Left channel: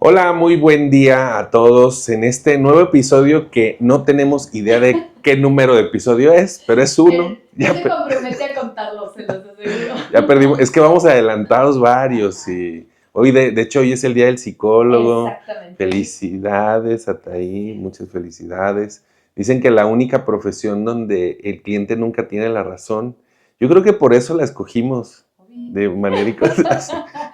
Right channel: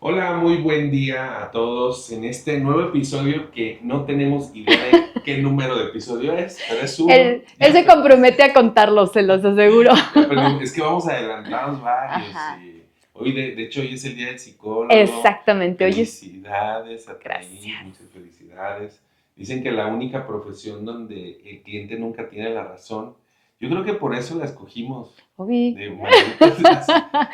Hola, muy buen día a todos en este nuevo episodio que no tenemos idea de qué número de episodio es, pero es uno. Él se compromete a contarlos, se los aseguro. Ya perdimos, es que vamos adelantados varios Ajá. y hoy de hecho hoy es el día del psicólogo. Exactamente. Felicidades, Ataí, muchas felicidades. Dicen que la única profesión donde el cliente nunca tiene la razón. Yo creo que por eso la escogimos de manera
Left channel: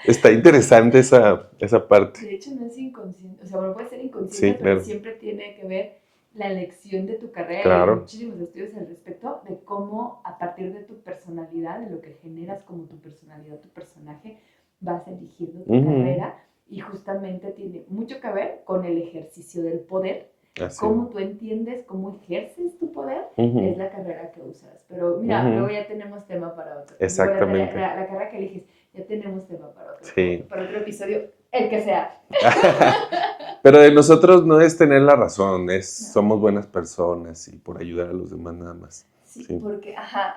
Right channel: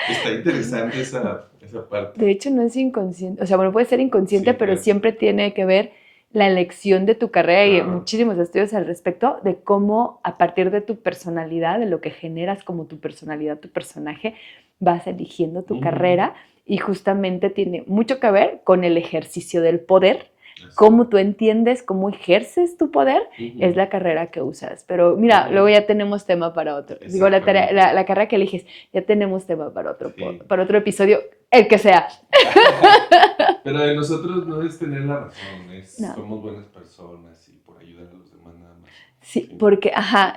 Está interesante esa parte. De hecho, no es inconsciente. O sea, bueno, puede ser inconsciente, Sí, pero siempre tiene que ver la elección de tu carrera. Y hay muchísimos estudios al respecto de cómo a partir de tu personalidad, de lo que generas como tu personalidad, tu personaje, vas eligiendo tu carrera y justamente tiene mucho que ver con el ejercicio del poder. Así. Cómo tú entiendes, cómo ejerces tu poder, es la carrera que usas. Pero mira, luego ya tenemos tema para otro. Digo, la carrera que eliges, ya tenemos tema para otro, para otro episodio, el que sea. Pero de nosotros no es tener la razón, somos buenas personas y por ayudar a los demás nada más. Sí, porque,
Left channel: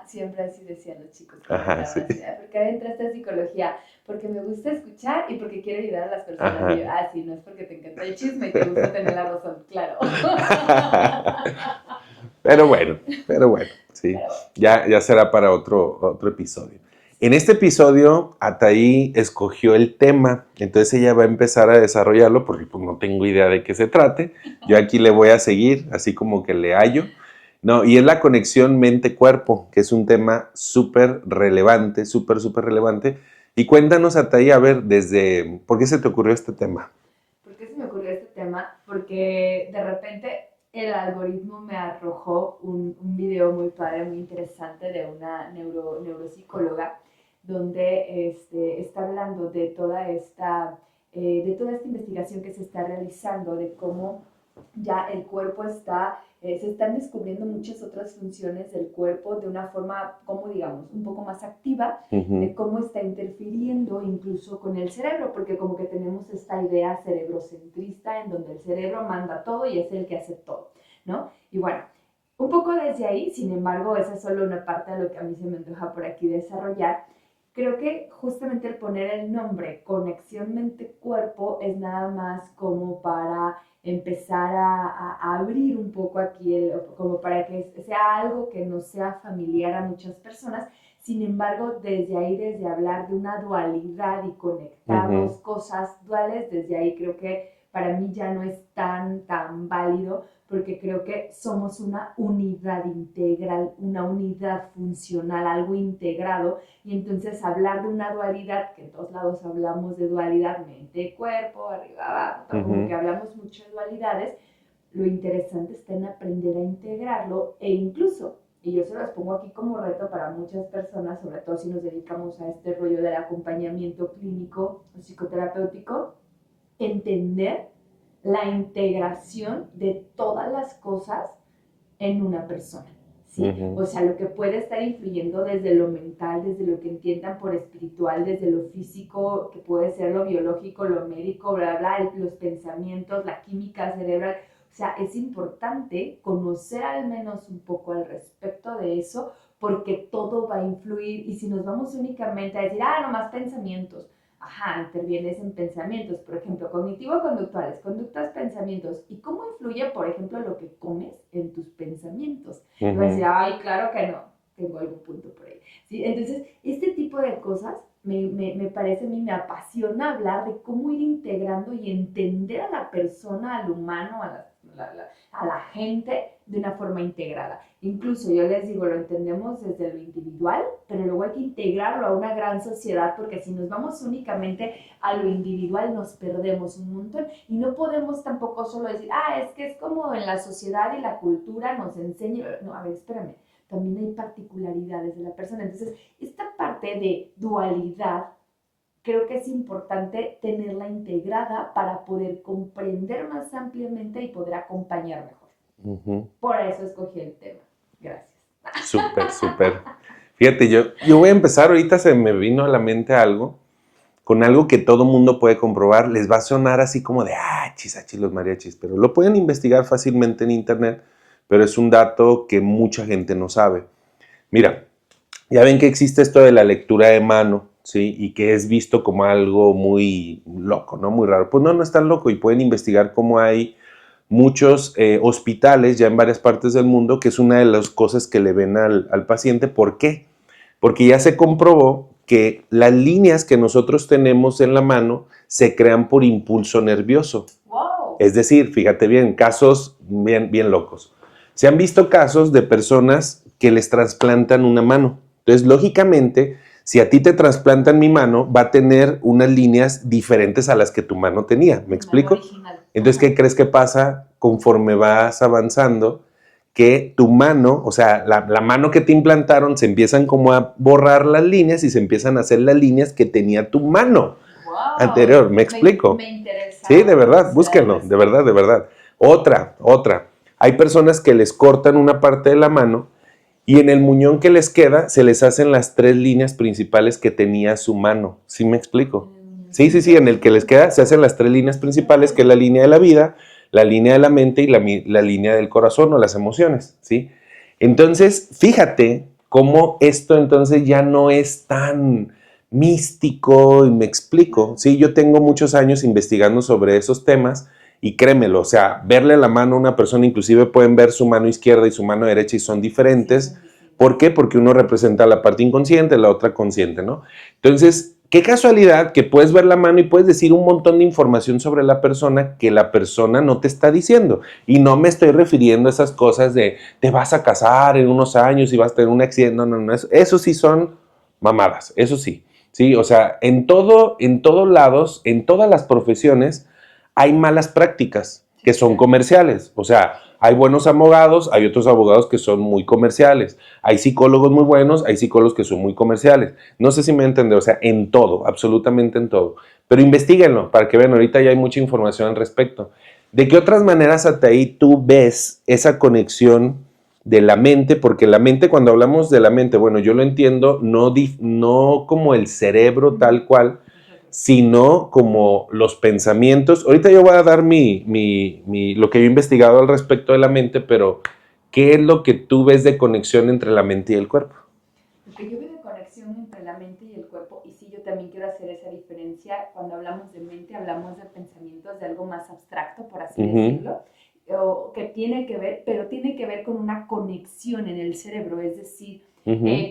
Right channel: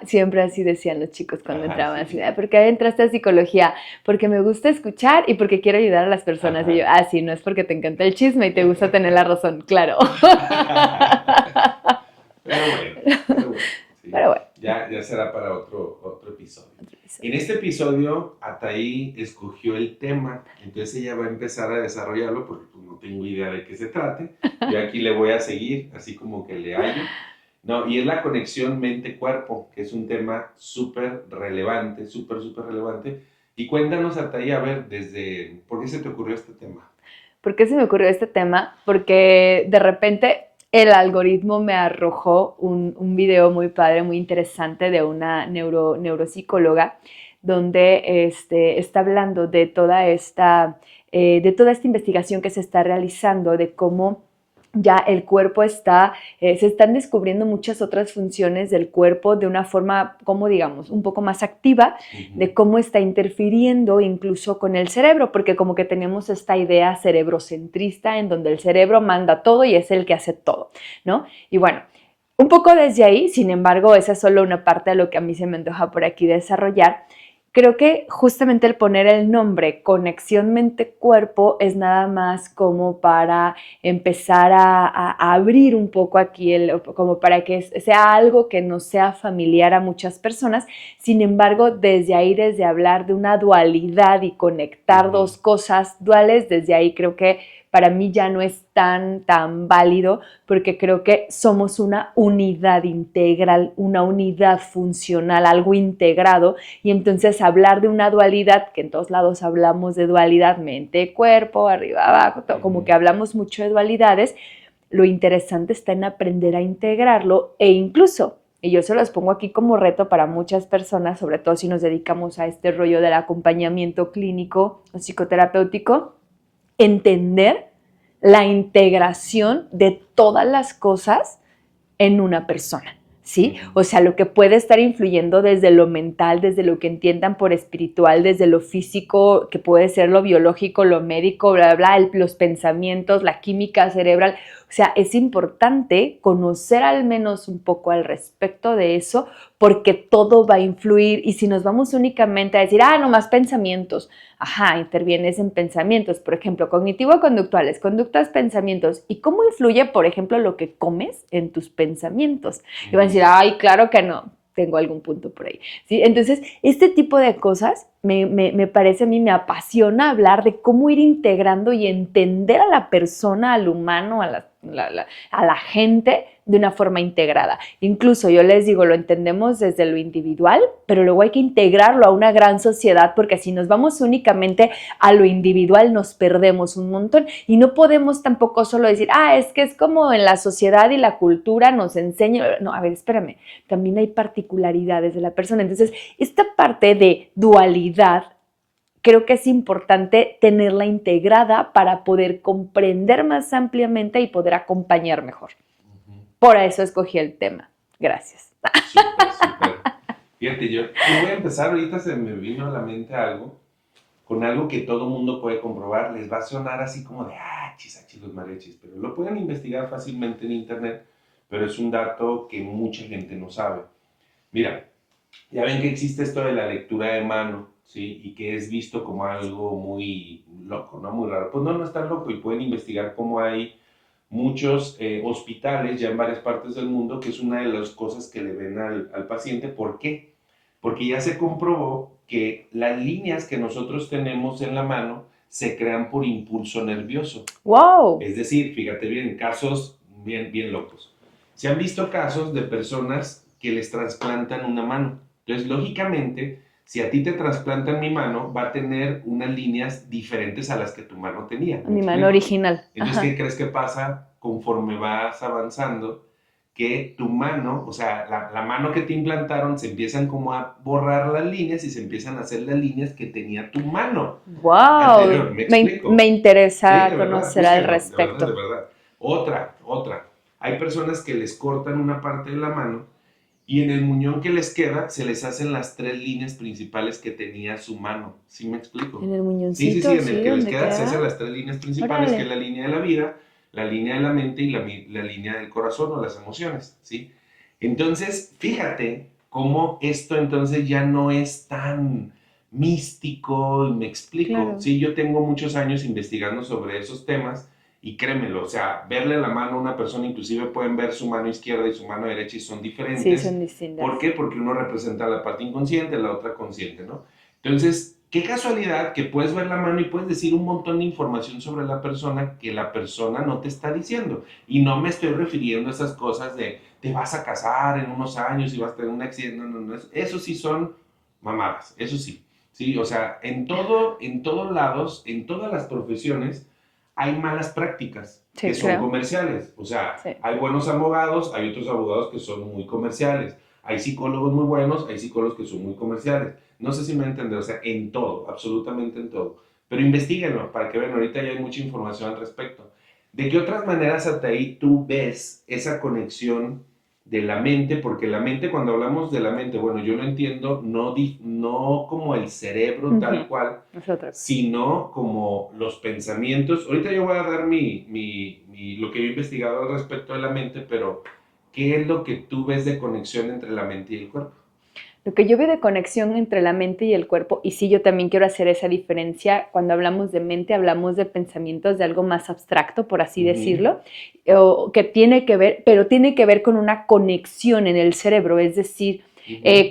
siempre así decían los chicos cuando entraban. Sí. ¿Por qué entraste a psicología? Porque me gusta escuchar y porque quiero ayudar a las personas. Y yo, sí, no es porque te encanta el chisme y te gusta tener la razón, claro. Pero bueno, sí. Pero bueno. Ya será para otro episodio. En este episodio, Ataí escogió el tema, entonces ella va a empezar a desarrollarlo porque pues, no tengo idea de qué se trate. Yo aquí le voy a seguir, así como que le hallo. No, y es la conexión mente-cuerpo, que es un tema súper relevante, súper relevante. Y cuéntanos, Ataí, a ver, ¿por qué se te ocurrió este tema? ¿Por qué se me ocurrió este tema? Porque de repente el algoritmo me arrojó un video muy padre, muy interesante de una neuropsicóloga donde está hablando de toda esta investigación que se está realizando, de cómo ya el cuerpo se están descubriendo muchas otras funciones del cuerpo de una forma, como digamos, un poco más activa, de cómo está interfiriendo incluso con el cerebro, porque como que tenemos esta idea cerebrocentrista en donde el cerebro manda todo y es el que hace todo, ¿no? Y bueno, un poco desde ahí, sin embargo, esa es solo una parte de lo que a mí se me antoja por aquí desarrollar. Creo que justamente el poner el nombre conexión mente-cuerpo es nada más como para empezar a abrir un poco aquí, como para que sea algo que no sea familiar a muchas personas. Sin embargo, desde ahí, desde hablar de una dualidad y conectar dos cosas duales, desde ahí creo que para mí ya no es tan válido, porque creo que somos una unidad integral, una unidad funcional, algo integrado, y entonces hablar de una dualidad, que en todos lados hablamos de dualidad, mente, cuerpo, arriba, abajo, como que hablamos mucho de dualidades, lo interesante está en aprender a integrarlo e incluso, y yo se los pongo aquí como reto para muchas personas, sobre todo si nos dedicamos a este rollo del acompañamiento clínico o psicoterapéutico, entender la integración de todas las cosas en una persona, ¿sí? O sea, lo que puede estar influyendo desde lo mental, desde lo que entiendan por espiritual, desde lo físico, que puede ser lo biológico, lo médico, bla, bla, los pensamientos, la química cerebral. O sea, es importante conocer al menos un poco al respecto de eso, porque todo va a influir. Y si nos vamos únicamente a decir, nomás pensamientos, intervienes en pensamientos, por ejemplo, cognitivo-conductuales, conductas, pensamientos. ¿Y cómo influye, por ejemplo, lo que comes en tus pensamientos? Y van a decir, claro que no, tengo algún punto por ahí, ¿sí? Entonces, este tipo de cosas me parece a mí, me apasiona hablar de cómo ir integrando y entender a la persona, al humano, a la gente de una forma integrada. Incluso yo les digo, lo entendemos desde lo individual, pero luego hay que integrarlo a una gran sociedad, porque si nos vamos únicamente a lo individual nos perdemos un montón y no podemos tampoco solo decir, es que es como en la sociedad y la cultura nos enseña. No, a ver, espérame, también hay particularidades de la persona. Entonces, esta parte de dualidad creo que es importante tenerla integrada para poder comprender más ampliamente y poder acompañar mejor. Por eso escogí el tema. Gracias. Súper. Fíjate, yo voy a empezar, ahorita se me vino a la mente algo con algo que todo mundo puede comprobar, les va a sonar así como de, chis, los mariachis, pero lo pueden investigar fácilmente en internet, pero es un dato que mucha gente no sabe. Mira, ya ven que existe esto de la lectura de mano, ¿sí? Y que es visto como algo muy loco, ¿no? Muy raro. Pues no es tan loco y pueden investigar cómo hay muchos hospitales ya en varias partes del mundo, que es una de las cosas que le ven al paciente. ¿Por qué? Porque ya se comprobó que las líneas que nosotros tenemos en la mano se crean por impulso nervioso. ¡Wow! Es decir, fíjate bien, casos bien locos. Se han visto casos de personas que les trasplantan una mano. Entonces, lógicamente, si a ti te trasplantan mi mano, va a tener unas líneas diferentes a las que tu mano tenía. ¿Me explico? Mano original. Entonces, ¿qué crees que pasa conforme vas avanzando? Que tu mano, o sea, la mano que te implantaron, se empiezan como a borrar las líneas y se empiezan a hacer las líneas que tenía tu mano anterior. ¿Me explico? Me interesa. Sí, de verdad, búsquenlo, de verdad. Otra. Hay personas que les cortan una parte de la mano y en el muñón que les queda se les hacen las 3 líneas principales que tenía su mano. ¿Sí me explico? En el muñoncito. Sí, en el que les queda se hacen las 3 líneas principales, que es la línea de la vida, la línea de la mente y la línea del corazón o las emociones, ¿sí? Entonces, fíjate cómo esto entonces ya no es tan místico, y me explico, claro. ¿sí? Yo tengo muchos años investigando sobre esos temas y créemelo, o sea, verle la mano a una persona, inclusive pueden ver su mano izquierda y su mano derecha y son diferentes. Sí, son distintas. ¿Por qué? Porque uno representa la parte inconsciente, la otra consciente, ¿no? Entonces, qué casualidad que puedes ver la mano y puedes decir un montón de información sobre la persona que la persona no te está diciendo. Y no me estoy refiriendo a esas cosas de te vas a casar en unos años y vas a tener un accidente. No. Eso sí son mamadas, eso sí. Sí, o sea, en todos lados, en todas las profesiones, hay malas prácticas que son comerciales. O sea, hay buenos abogados, hay otros abogados que son muy comerciales. Hay psicólogos muy buenos, hay psicólogos que son muy comerciales. No sé si me entienden, o sea, en todo, absolutamente en todo. Pero investíguenlo para que vean, ahorita ya hay mucha información al respecto. ¿De qué otras maneras hasta ahí tú ves esa conexión de la mente? Porque la mente, cuando hablamos de la mente, bueno, yo lo entiendo no como el cerebro tal cual, sino como los pensamientos. Ahorita yo voy a dar lo que yo he investigado al respecto de la mente, pero ¿qué es lo que tú ves de conexión entre la mente y el cuerpo? Lo que yo veo de conexión entre la mente y el cuerpo, y sí, yo también quiero hacer esa diferencia, cuando hablamos de mente, hablamos de pensamientos de algo más abstracto, por así decirlo, que tiene que ver, pero tiene que ver con una conexión en el cerebro, es decir,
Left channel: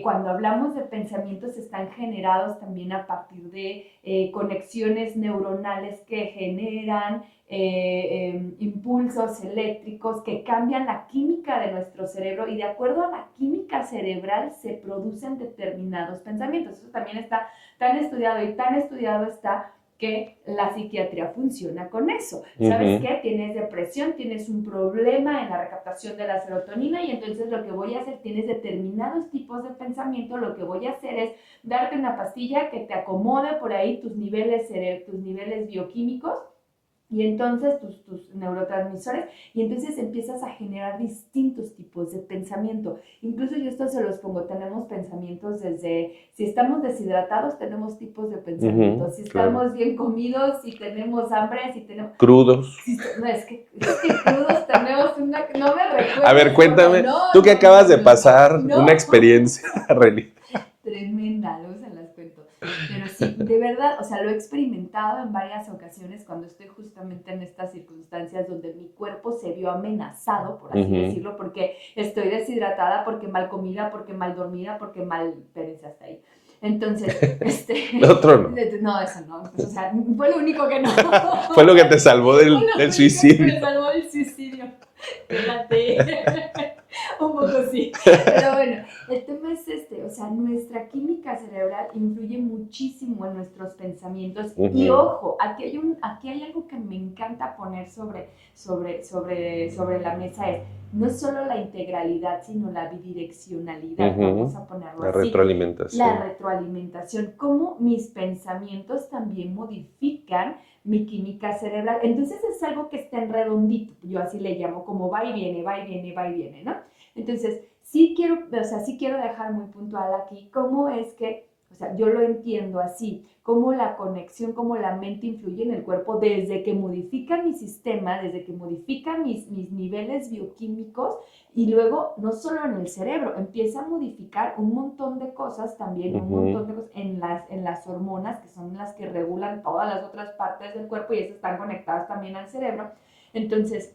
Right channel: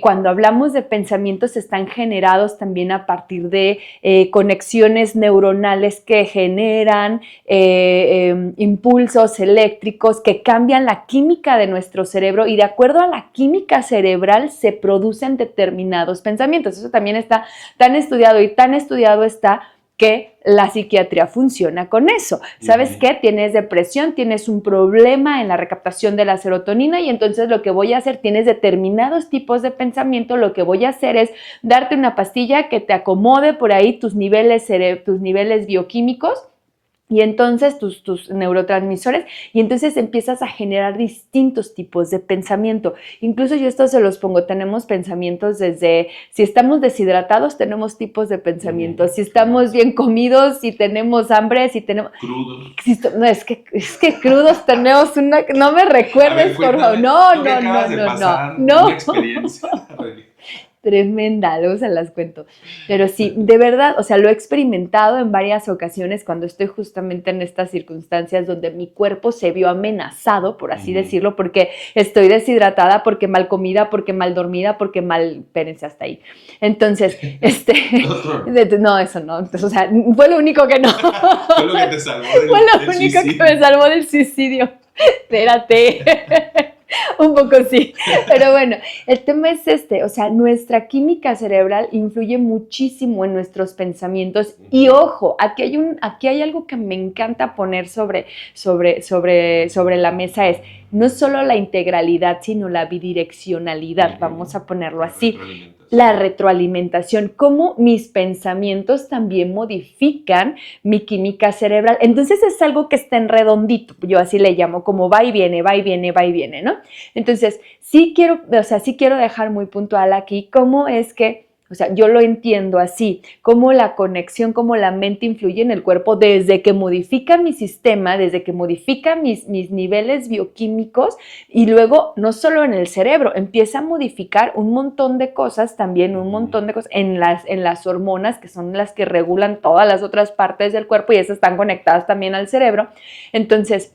cuando hablamos de pensamientos están generados también a partir de conexiones neuronales que generan impulsos eléctricos que cambian la química de nuestro cerebro y de acuerdo a la química cerebral se producen determinados pensamientos. Eso también está tan estudiado y tan estudiado está que la psiquiatría funciona con eso. ¿Sabes qué? Tienes depresión, tienes un problema en la recaptación de la serotonina y entonces lo que voy a hacer, tienes determinados tipos de pensamiento, lo que voy a hacer es darte una pastilla que te acomode por ahí tus niveles bioquímicos y entonces tus neurotransmisores, y entonces empiezas a generar distintos tipos de pensamiento. Incluso yo esto se los pongo, tenemos pensamientos desde, si estamos deshidratados, tenemos tipos de pensamientos, si estamos bien comidos, si tenemos hambre, si tenemos... Crudos. No, es que crudos tenemos una... No me recuerdes, a ver, cuéntame, tú que acabas de pasar una experiencia tremenda, luego se las cuento. Pero sí, de verdad, o sea, lo he experimentado en varias ocasiones cuando estoy justamente en estas circunstancias donde mi cuerpo se vio amenazado, por así decirlo, porque estoy deshidratada, porque mal comida, porque mal dormida, porque mal... Espérense hasta ahí. Entonces, no, eso no. Entonces, o sea, fue lo único que no. Fue lo que te salvó del suicidio. Fue lo único que me salvó del suicidio. Espérate. Un poco sí, pero bueno, el tema es o sea, nuestra química cerebral influye muchísimo en nuestros pensamientos y ojo, aquí hay algo que me encanta poner sobre la mesa no solo la integralidad, sino la bidireccionalidad, vamos a ponerlo así. La retroalimentación, cómo mis pensamientos también modifican mi química cerebral. Entonces es algo que está en redondito, yo así le llamo, como va y viene, ¿no? Entonces, sí quiero dejar muy puntual aquí cómo es que O sea, yo lo entiendo así, cómo la conexión, cómo la mente influye en el cuerpo desde que modifica mi sistema, desde que modifica mis niveles bioquímicos y luego no solo en el cerebro, empieza a modificar un montón de cosas también, un montón de cosas en las hormonas que son las que regulan todas las otras partes del cuerpo y esas están conectadas también al cerebro. Entonces,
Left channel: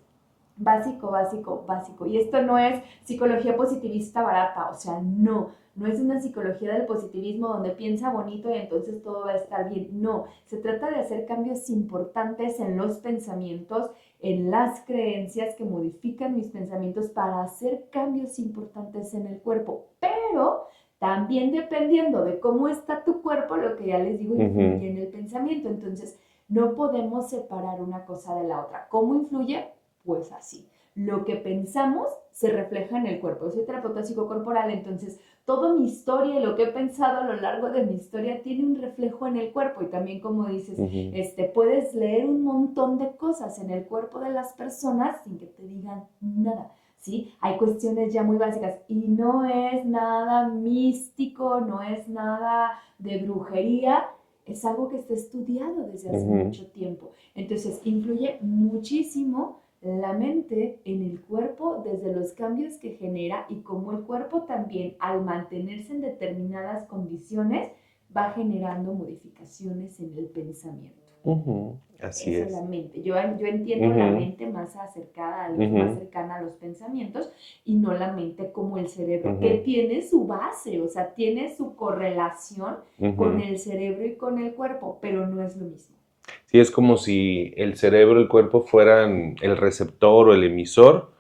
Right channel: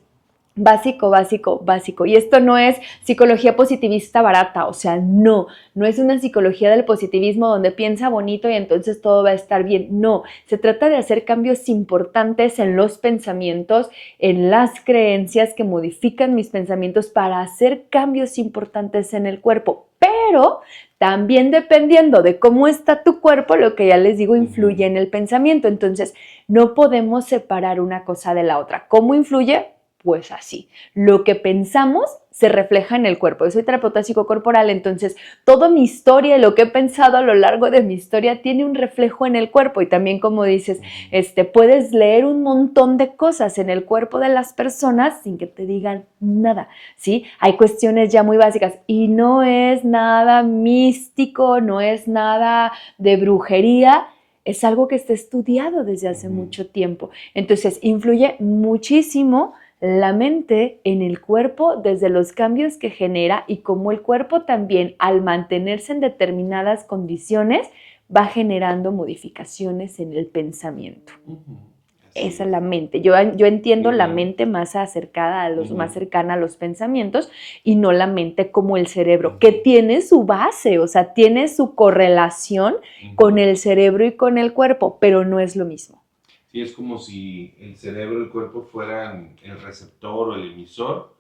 básico, básico, básico. Y esto no es psicología positivista barata, o sea, no es una psicología del positivismo donde piensa bonito y entonces todo va a estar bien. No, se trata de hacer cambios importantes en los pensamientos, en las creencias que modifican mis pensamientos para hacer cambios importantes en el cuerpo. Pero también dependiendo de cómo está tu cuerpo, lo que ya les digo, influye en el pensamiento. Entonces, no podemos separar una cosa de la otra. ¿Cómo influye? Pues así, lo que pensamos se refleja en el cuerpo. Yo soy terapeuta psicocorporal, entonces toda mi historia, lo que he pensado a lo largo de mi historia tiene un reflejo en el cuerpo y también como dices, puedes leer un montón de cosas en el cuerpo de las personas sin que te digan nada, ¿sí? Hay cuestiones ya muy básicas y no es nada místico, no es nada de brujería, es algo que está estudiado desde hace mucho tiempo. Entonces, influye muchísimo la mente en el cuerpo desde los cambios que genera y cómo el cuerpo también al mantenerse en determinadas condiciones va generando modificaciones en el pensamiento. Esa es la mente. Yo entiendo la mente más acercada a los, más cercana a los pensamientos y no la mente como el cerebro, que tiene su base, o sea, tiene su correlación con el cerebro y con el cuerpo, pero no es lo mismo. Sí, es como si el cerebro y el cuerpo fueran el receptor o el emisor,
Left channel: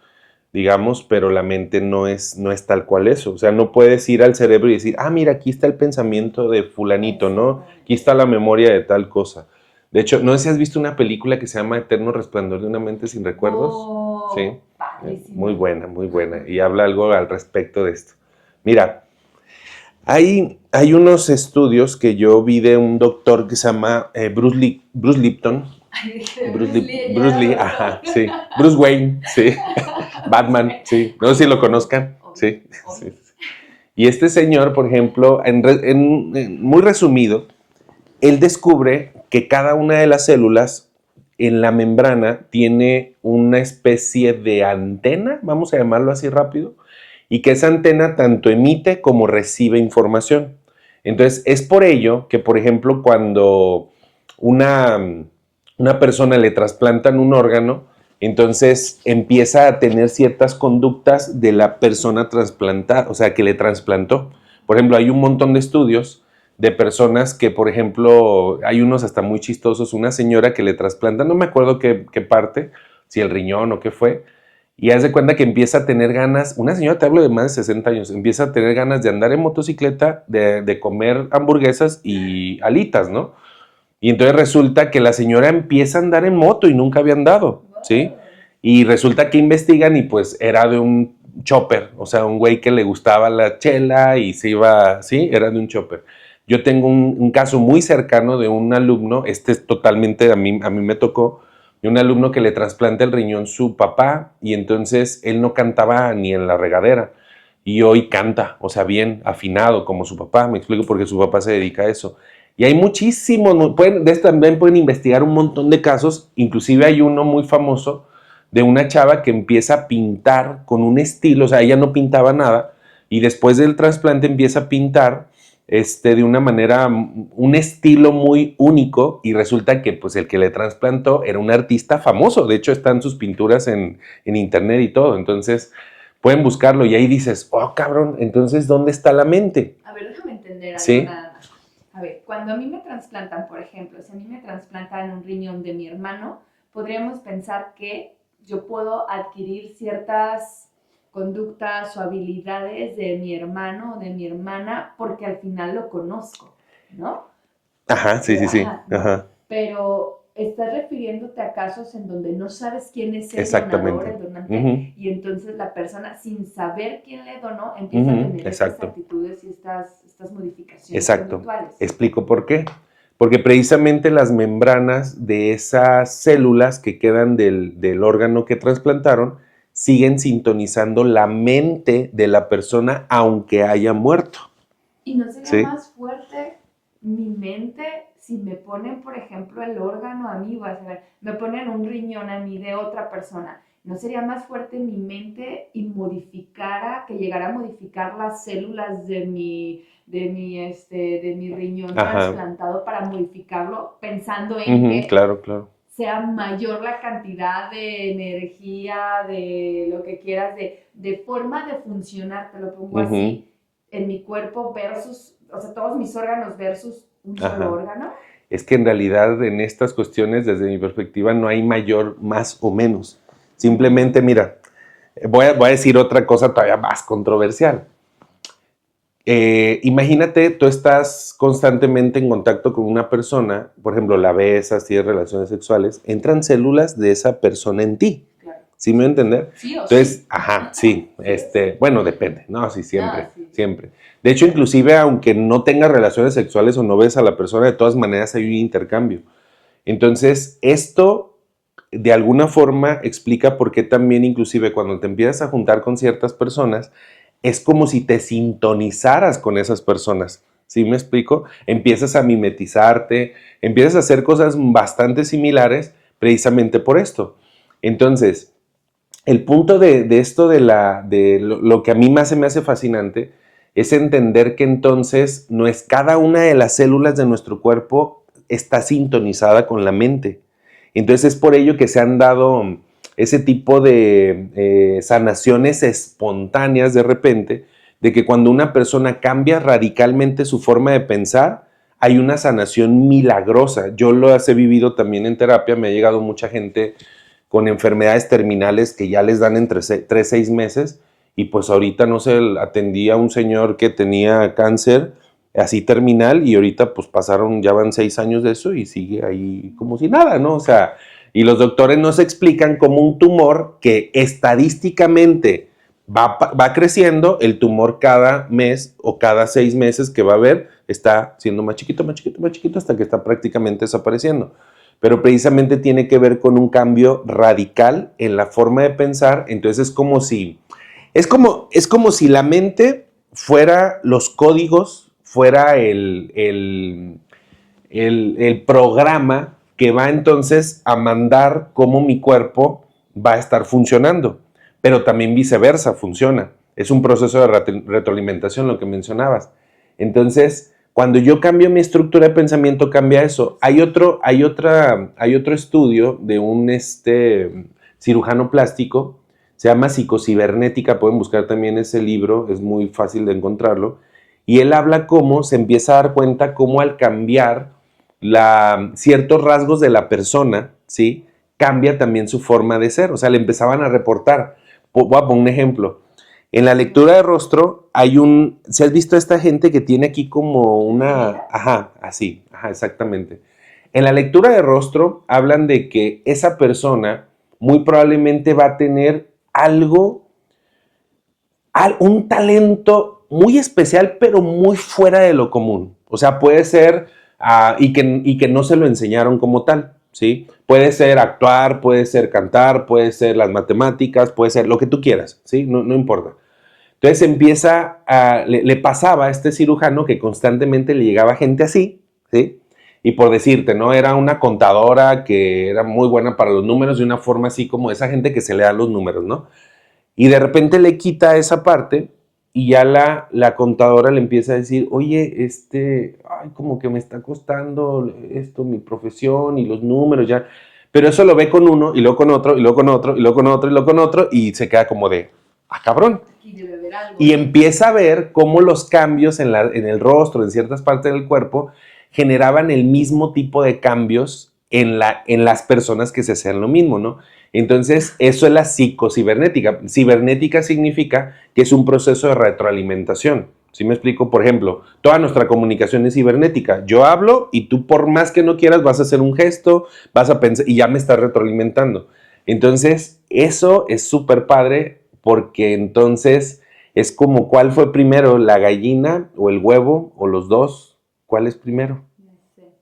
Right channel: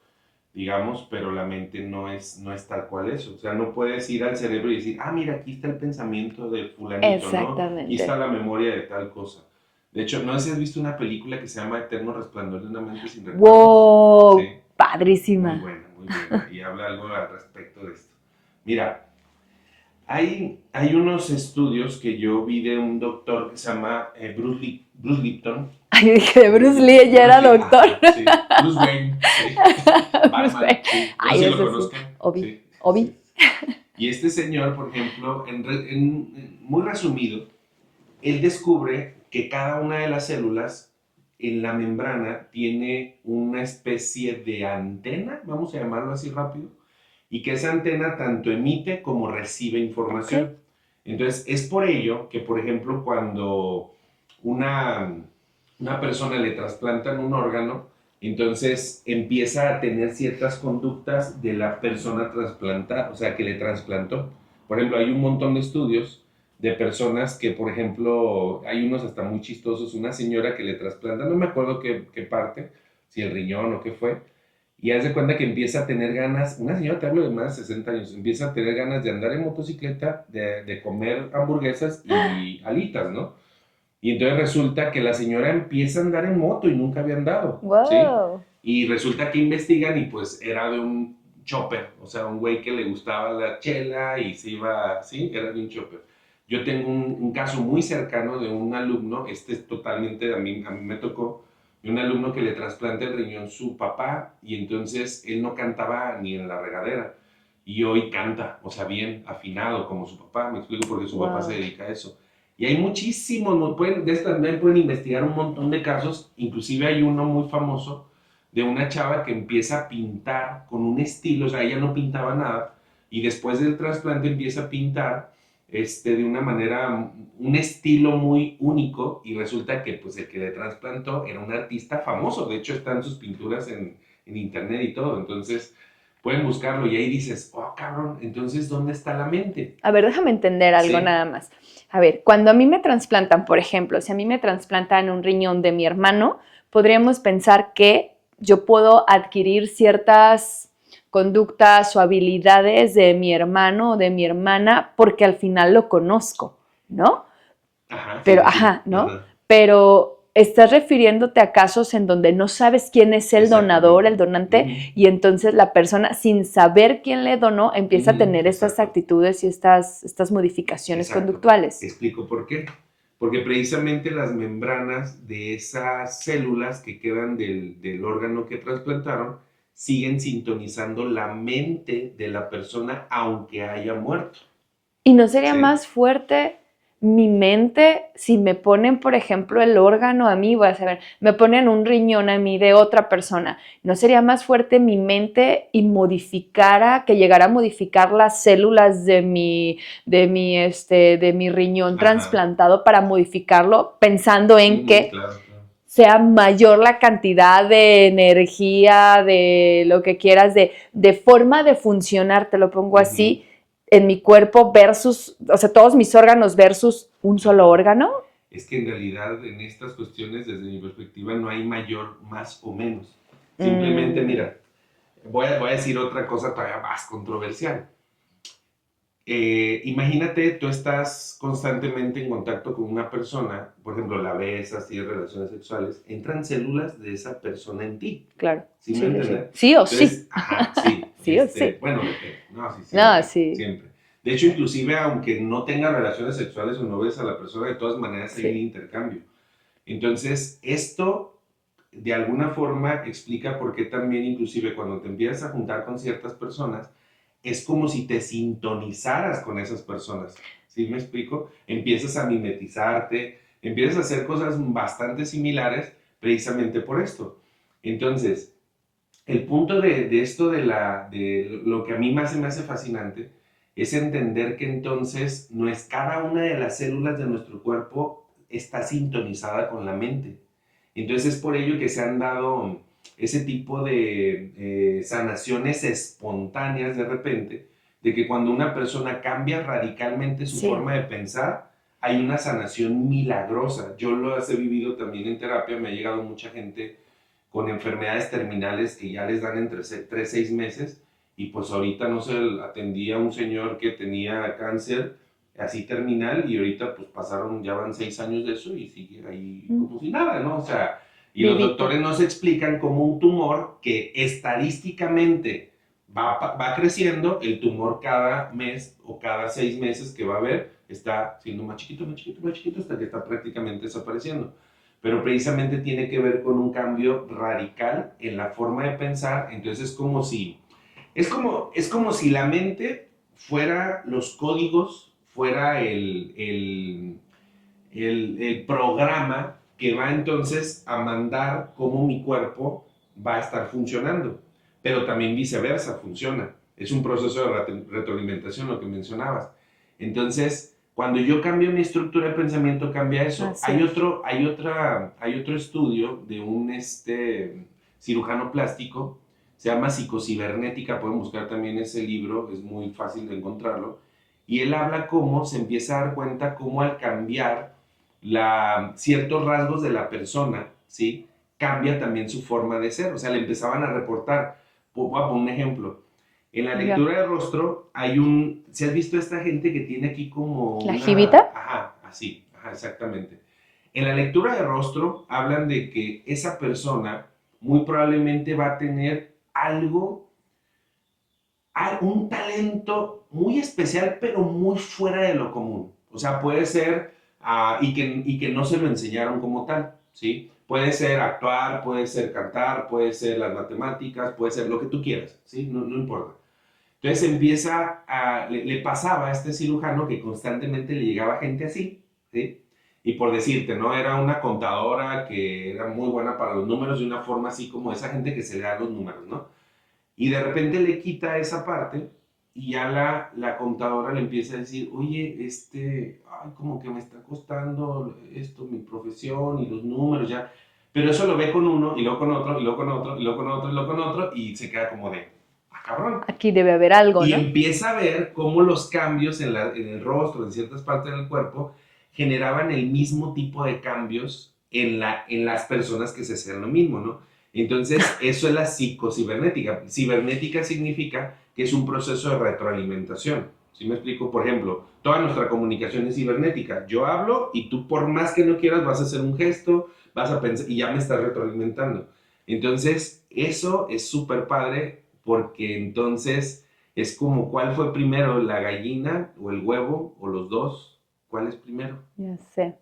digamos, pero la mente no es tal cual eso. O sea, no puedes ir al cerebro y decir, mira, aquí está el pensamiento de fulanito, ¿no? Aquí está la memoria de tal cosa. De hecho, no sé si has visto una película que se llama Eterno Resplandor de una mente sin recuerdos. ¡Wow! Sí. Padrísima. Muy buena, muy buena. Y habla algo al respecto de esto. Mira, hay unos estudios que yo vi de un doctor que se llama Bruce Lipton. Ay, dije, Bruce Lee ya era doctor. Ajá, sí. Bruce Wayne, sí. Batman, sí. No sé si lo conozcan. Sí. Sí. Y este señor, por ejemplo, muy resumido, él descubre que cada una de las células en la membrana tiene una especie de antena, vamos a llamarlo así rápido, y que esa antena tanto emite como recibe información. Entonces, es por ello que, por ejemplo, cuando una persona le trasplantan un órgano, entonces empieza a tener ciertas conductas de la persona trasplantada, o sea, que le trasplantó. Por ejemplo, hay un montón de estudios de personas que, por ejemplo, hay unos hasta muy chistosos, una señora que le trasplantan, no me acuerdo qué parte, si el riñón o qué fue, y haz de cuenta que empieza a tener ganas, una señora, te hablo de más de 60 años, empieza a tener ganas de andar en motocicleta, de comer hamburguesas y alitas, ¿no? Y entonces resulta que la señora empieza a andar en moto y nunca había andado, wow. ¿sí? Y resulta que investigan y pues era de un chopper, o sea, un güey que le gustaba la chela y se iba, ¿sí? Era de un chopper. Yo tengo un caso muy cercano de un alumno, este es totalmente, a mí me tocó, de un alumno que le trasplanta el riñón su papá y entonces él no cantaba ni en la regadera y hoy canta, o sea, bien afinado como su papá, me explico porque su papá se dedica a eso. Y hay muchísimos, también pueden investigar un montón de casos, inclusive hay uno muy famoso de una chava que empieza a pintar con un estilo, o sea, ella no pintaba nada y después del trasplante empieza a pintar de una manera, un estilo muy único y resulta que pues el que le trasplantó era un artista famoso, de hecho están sus pinturas en internet y todo, entonces pueden buscarlo y ahí dices, oh cabrón, entonces ¿dónde está la mente? A ver, déjame entender algo nada más. A ver, cuando a mí me trasplantan, por ejemplo, si a mí me trasplantan un riñón de mi hermano, podríamos pensar que yo puedo adquirir ciertas conductas o habilidades de mi hermano o de mi hermana porque al final lo conozco, ¿no? Ajá, pero, sí. ¿no? Ajá. Pero estás refiriéndote a casos en donde no sabes quién es el donador, el donante, y entonces la persona, sin saber quién le donó, empieza a tener estas actitudes y estas modificaciones conductuales. Explico por qué. Porque precisamente las membranas de esas células que quedan del órgano que trasplantaron siguen sintonizando la mente de la persona aunque haya muerto. ¿Y no sería ¿sí? más fuerte mi mente si me ponen, por ejemplo, el órgano a mí, voy a saber, me ponen un riñón a mí de otra persona? ¿No sería más fuerte mi mente y que llegara a modificar las células de mi riñón Ajá. trasplantado para modificarlo pensando en Ujú, que claro, claro. sea mayor la cantidad de energía, de lo que quieras, de forma de funcionar, te lo pongo Ujú, así, en mi cuerpo versus, o sea, todos mis órganos versus un solo ajá. órgano? Es que en realidad en estas cuestiones, desde mi perspectiva, no hay mayor, más o menos. Simplemente, Mm, mira, voy a decir otra cosa todavía más controversial. Imagínate, tú estás constantemente en contacto con una persona, por ejemplo, la besas, tienes relaciones sexuales, entran células de esa persona en ti. claro, ¿Sí me voy a sí, de hecho. entender? Sí o sí. Entonces, ajá, sí, Sí o sí. bueno, depende, no, sí, No, siempre, sí, siempre. De hecho, inclusive, aunque no tengas relaciones sexuales o no ves a la persona, de todas maneras hay un sí. intercambio. Entonces, esto de alguna forma explica por qué también inclusive cuando te empiezas a juntar con ciertas personas, es como si te sintonizaras con esas personas. ¿Sí me explico? Empiezas a mimetizarte, empiezas a hacer cosas bastante similares precisamente por esto. Entonces, el punto de esto de lo que a mí más se me hace fascinante es entender que entonces no es cada una de las células de nuestro cuerpo está sintonizada con la mente. Entonces es por ello que se han dado ese tipo de sanaciones espontáneas de repente, de que cuando una persona cambia radicalmente su Sí. forma de pensar, hay una sanación milagrosa. Yo lo he vivido también en terapia, me ha llegado mucha gente con enfermedades terminales que ya les dan entre 3 6 meses y pues ahorita no sé, atendí a un señor que tenía cáncer así terminal y ahorita pues pasaron, ya van 6 años de eso y sigue ahí como si nada, ¿no? O sea, y los Vivito. doctores nos explican como un tumor que estadísticamente va creciendo, el tumor cada mes o cada 6 meses que va a haber está siendo más chiquito, más chiquito, más chiquito hasta que está prácticamente desapareciendo, pero precisamente tiene que ver con un cambio radical en la forma de pensar. Entonces es como si la mente fuera los códigos, fuera el programa que va entonces a mandar cómo mi cuerpo va a estar funcionando, pero también viceversa funciona. Es un proceso de retroalimentación lo que mencionabas. Entonces, cuando yo cambio mi estructura de pensamiento, cambia eso. Así es. Hay otro estudio de un cirujano plástico, se llama Psicocibernética, pueden buscar también ese libro, es muy fácil de encontrarlo, y él habla cómo se empieza a dar cuenta cómo al cambiar ciertos rasgos de la persona, ¿sí? Cambia también su forma de ser, o sea, le empezaban a reportar. Voy a poner un ejemplo. En la Ya. lectura de rostro ¿se has visto a esta gente que tiene aquí como ¿La una, jibita? ajá, así, ajá, exactamente? En la lectura de rostro hablan de que esa persona muy probablemente va a tener algo, un talento muy especial, pero muy fuera de lo común. O sea, puede ser, y que no se lo enseñaron como tal, ¿sí? Puede ser actuar, puede ser cantar, puede ser las matemáticas, puede ser lo que tú quieras, ¿sí? No, no importa. Entonces le pasaba a este cirujano que constantemente le llegaba gente así, ¿sí? Y por decirte, ¿no? Era una contadora que era muy buena para los números de una forma así como esa gente que se le dan los números, ¿no? Y de repente le quita esa parte y ya la contadora le empieza a decir, oye, ay, como que me está costando esto, mi profesión y los números ya. Pero eso lo ve con uno y luego con otro y luego con otro y luego con otro y luego con otro y se queda como de, cabrón. Aquí debe haber algo, Y ¿no? empieza a ver cómo los cambios en el rostro, en ciertas partes del cuerpo, generaban el mismo tipo de cambios en las personas que se hacían lo mismo, ¿no? Entonces, eso es la psicocibernética. Cibernética significa que es un proceso de retroalimentación. ¿Sí me explico? Por ejemplo, toda nuestra comunicación es cibernética. Yo hablo y tú por más que no quieras vas a hacer un gesto, vas a pensar y ya me estás retroalimentando. Entonces, eso es súper padre porque entonces es como cuál fue primero, la gallina o el huevo o los dos. ¿Cuál es primero? Ya sé.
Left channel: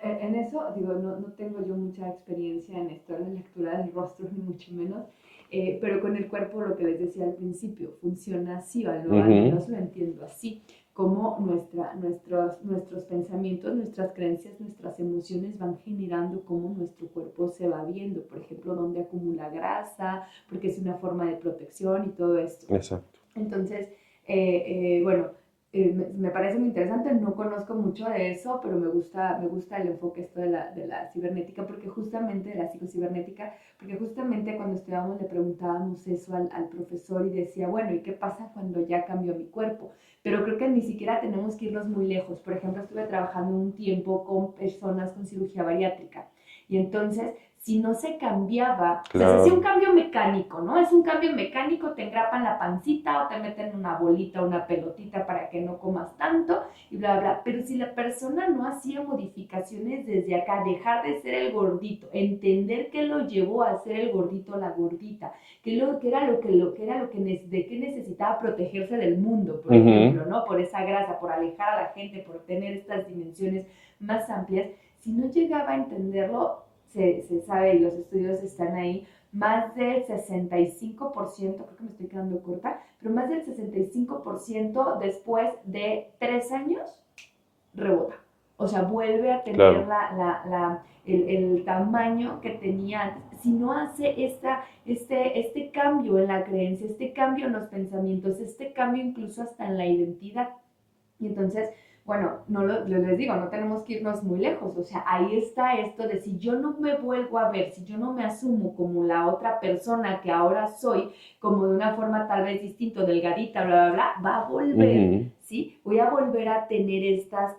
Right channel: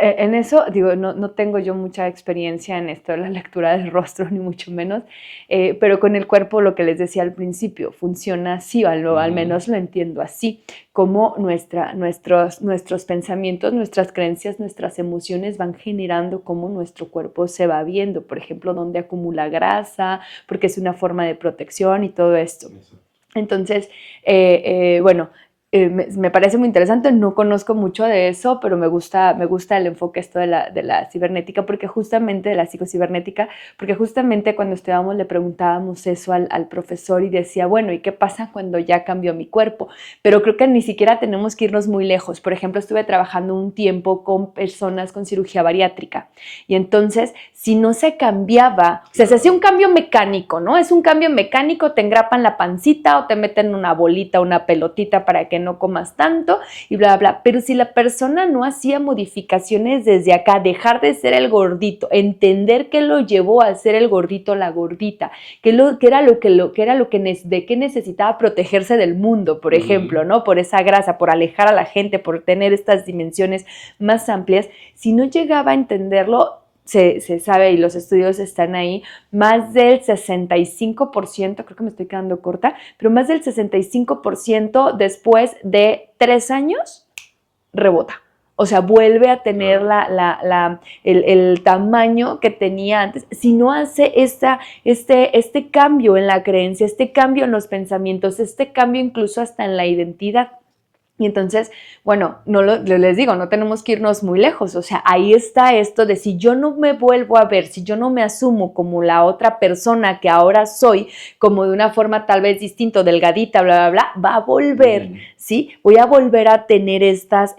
en eso, digo, no tengo yo mucha experiencia en esto de la lectura del rostro, ni mucho menos, pero con el cuerpo, lo que les decía al principio, funciona así, al menos lo entiendo así, como nuestros pensamientos, nuestras creencias, nuestras emociones van generando cómo nuestro cuerpo se va viendo, por ejemplo, dónde acumula grasa, porque es una forma de protección y todo esto. Exacto. Entonces, bueno, me parece muy interesante, no conozco mucho de eso, pero me gusta el enfoque esto de la cibernética, porque justamente, de la psicocibernética, porque justamente cuando estudiábamos le preguntábamos eso al profesor y decía, bueno, ¿y qué pasa cuando ya cambió mi cuerpo? Pero creo que ni siquiera tenemos que irnos muy lejos. Por ejemplo, estuve trabajando un tiempo con personas con cirugía bariátrica y entonces, si no se cambiaba, claro, o sea, se hacía un cambio mecánico, ¿no? Es un cambio mecánico, te engrapan la pancita o te meten una bolita, una pelotita para que no comas tanto y bla, bla, bla. Pero si la persona no hacía modificaciones desde acá, dejar de ser el gordito, entender qué lo llevó a ser el gordito, la gordita, qué era lo que de qué necesitaba protegerse del mundo, por ejemplo, ¿no? Por esa grasa, por alejar a la gente, por tener estas dimensiones más amplias. Si no llegaba a entenderlo, se sabe y los estudios están ahí, más del 65%, creo que me estoy quedando corta, pero más del 65% después de 3 años rebota. O sea, vuelve a tener claro, el tamaño que tenía antes. Si no hace este cambio en la creencia, este cambio en los pensamientos, este cambio incluso hasta en la identidad. Y entonces, bueno, les digo, no tenemos que irnos muy lejos, o sea, ahí está esto de si yo no me vuelvo a ver, si yo no me asumo como la otra persona que ahora soy, como de una forma tal vez distinta, delgadita, bla, bla, bla, va a volver, ¿sí? Voy a volver a tener estas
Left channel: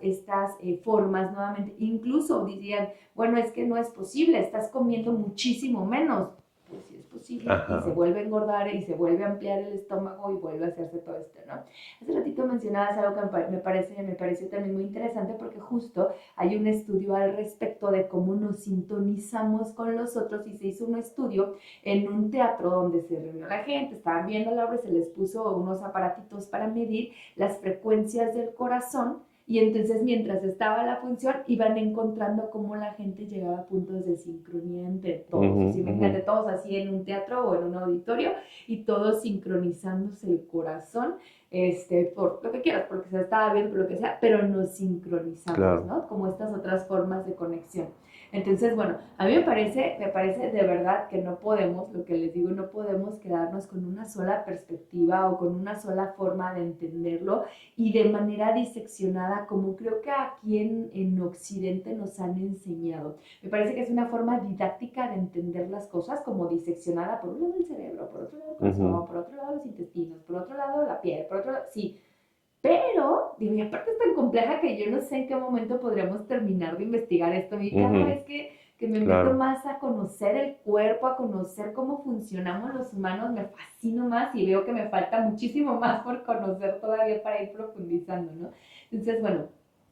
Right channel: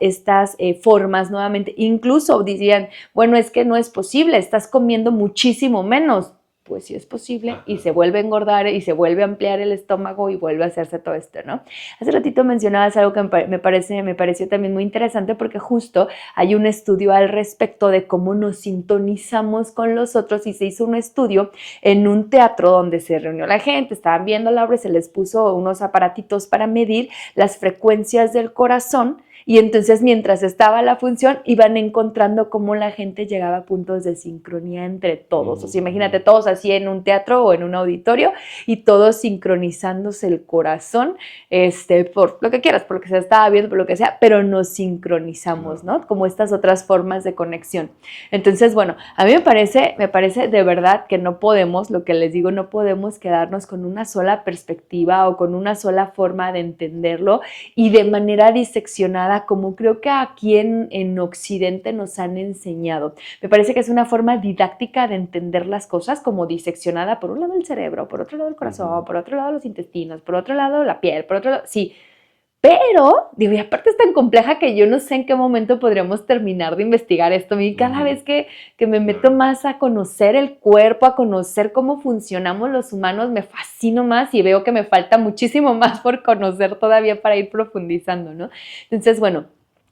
formas nuevamente. Incluso dirían, bueno, es que no es posible, estás comiendo muchísimo menos. Pues sí es posible. Ajá. Y se vuelve a engordar y se vuelve a ampliar el estómago y vuelve a hacerse todo esto, ¿no? Hace ratito mencionabas algo que me pareció también muy interesante porque justo hay un estudio al respecto de cómo nos sintonizamos con los otros y se hizo un estudio en un teatro donde se reunió la gente, estaban viendo la obra y se les puso unos aparatitos para medir las frecuencias del corazón. Y entonces mientras estaba la función iban encontrando cómo la gente llegaba a puntos de sincronía entre todos. O sea, imagínate todos así en un teatro o en un auditorio y todos sincronizándose el corazón, por lo que quieras, por lo que se estaba viendo, por lo que sea, pero nos sincronizamos, claro, ¿no? Como estas otras formas de conexión. Entonces, bueno, a mí me parece de verdad que no podemos, lo que les digo, no podemos quedarnos con una sola perspectiva o con una sola forma de entenderlo y de manera diseccionada como creo que aquí en Occidente nos han enseñado. Me parece que es una forma didáctica de entender las cosas como diseccionada, por un lado el cerebro, por otro lado el corazón, por otro lado los intestinos, por otro lado la piel, por otro lado, sí. Pero, digo, y aparte es tan compleja que yo no sé en qué momento podríamos terminar de investigar esto. Y cada vez que me meto más a conocer el cuerpo, a conocer cómo funcionamos los humanos, me fascino más y veo que me falta muchísimo más por conocer todavía para ir profundizando, ¿no? Entonces, bueno,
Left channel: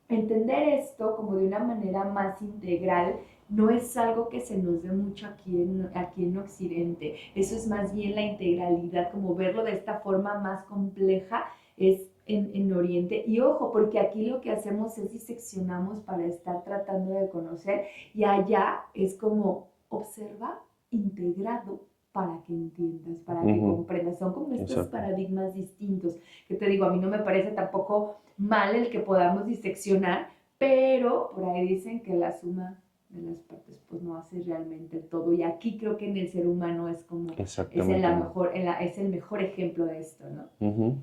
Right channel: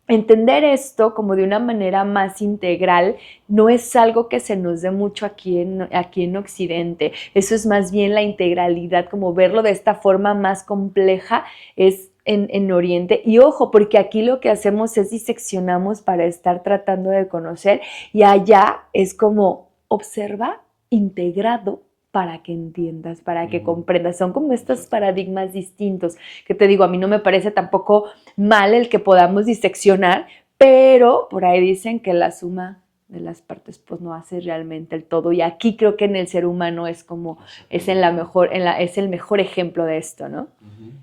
entender esto como de una manera más integral no es algo que se nos dé mucho aquí en Occidente. Eso es más bien la integralidad, como verlo de esta forma más compleja es en Oriente. Y ojo, porque aquí lo que hacemos es diseccionamos para estar tratando de conocer y allá es como observa integrado para que entiendas, para que comprendas. Son como estos paradigmas distintos que te digo, a mí no me parece tampoco mal el que podamos diseccionar, pero por ahí dicen que la suma de las partes pues no hace realmente el todo y aquí creo que en el ser humano es como es el mejor ejemplo de esto, ¿no?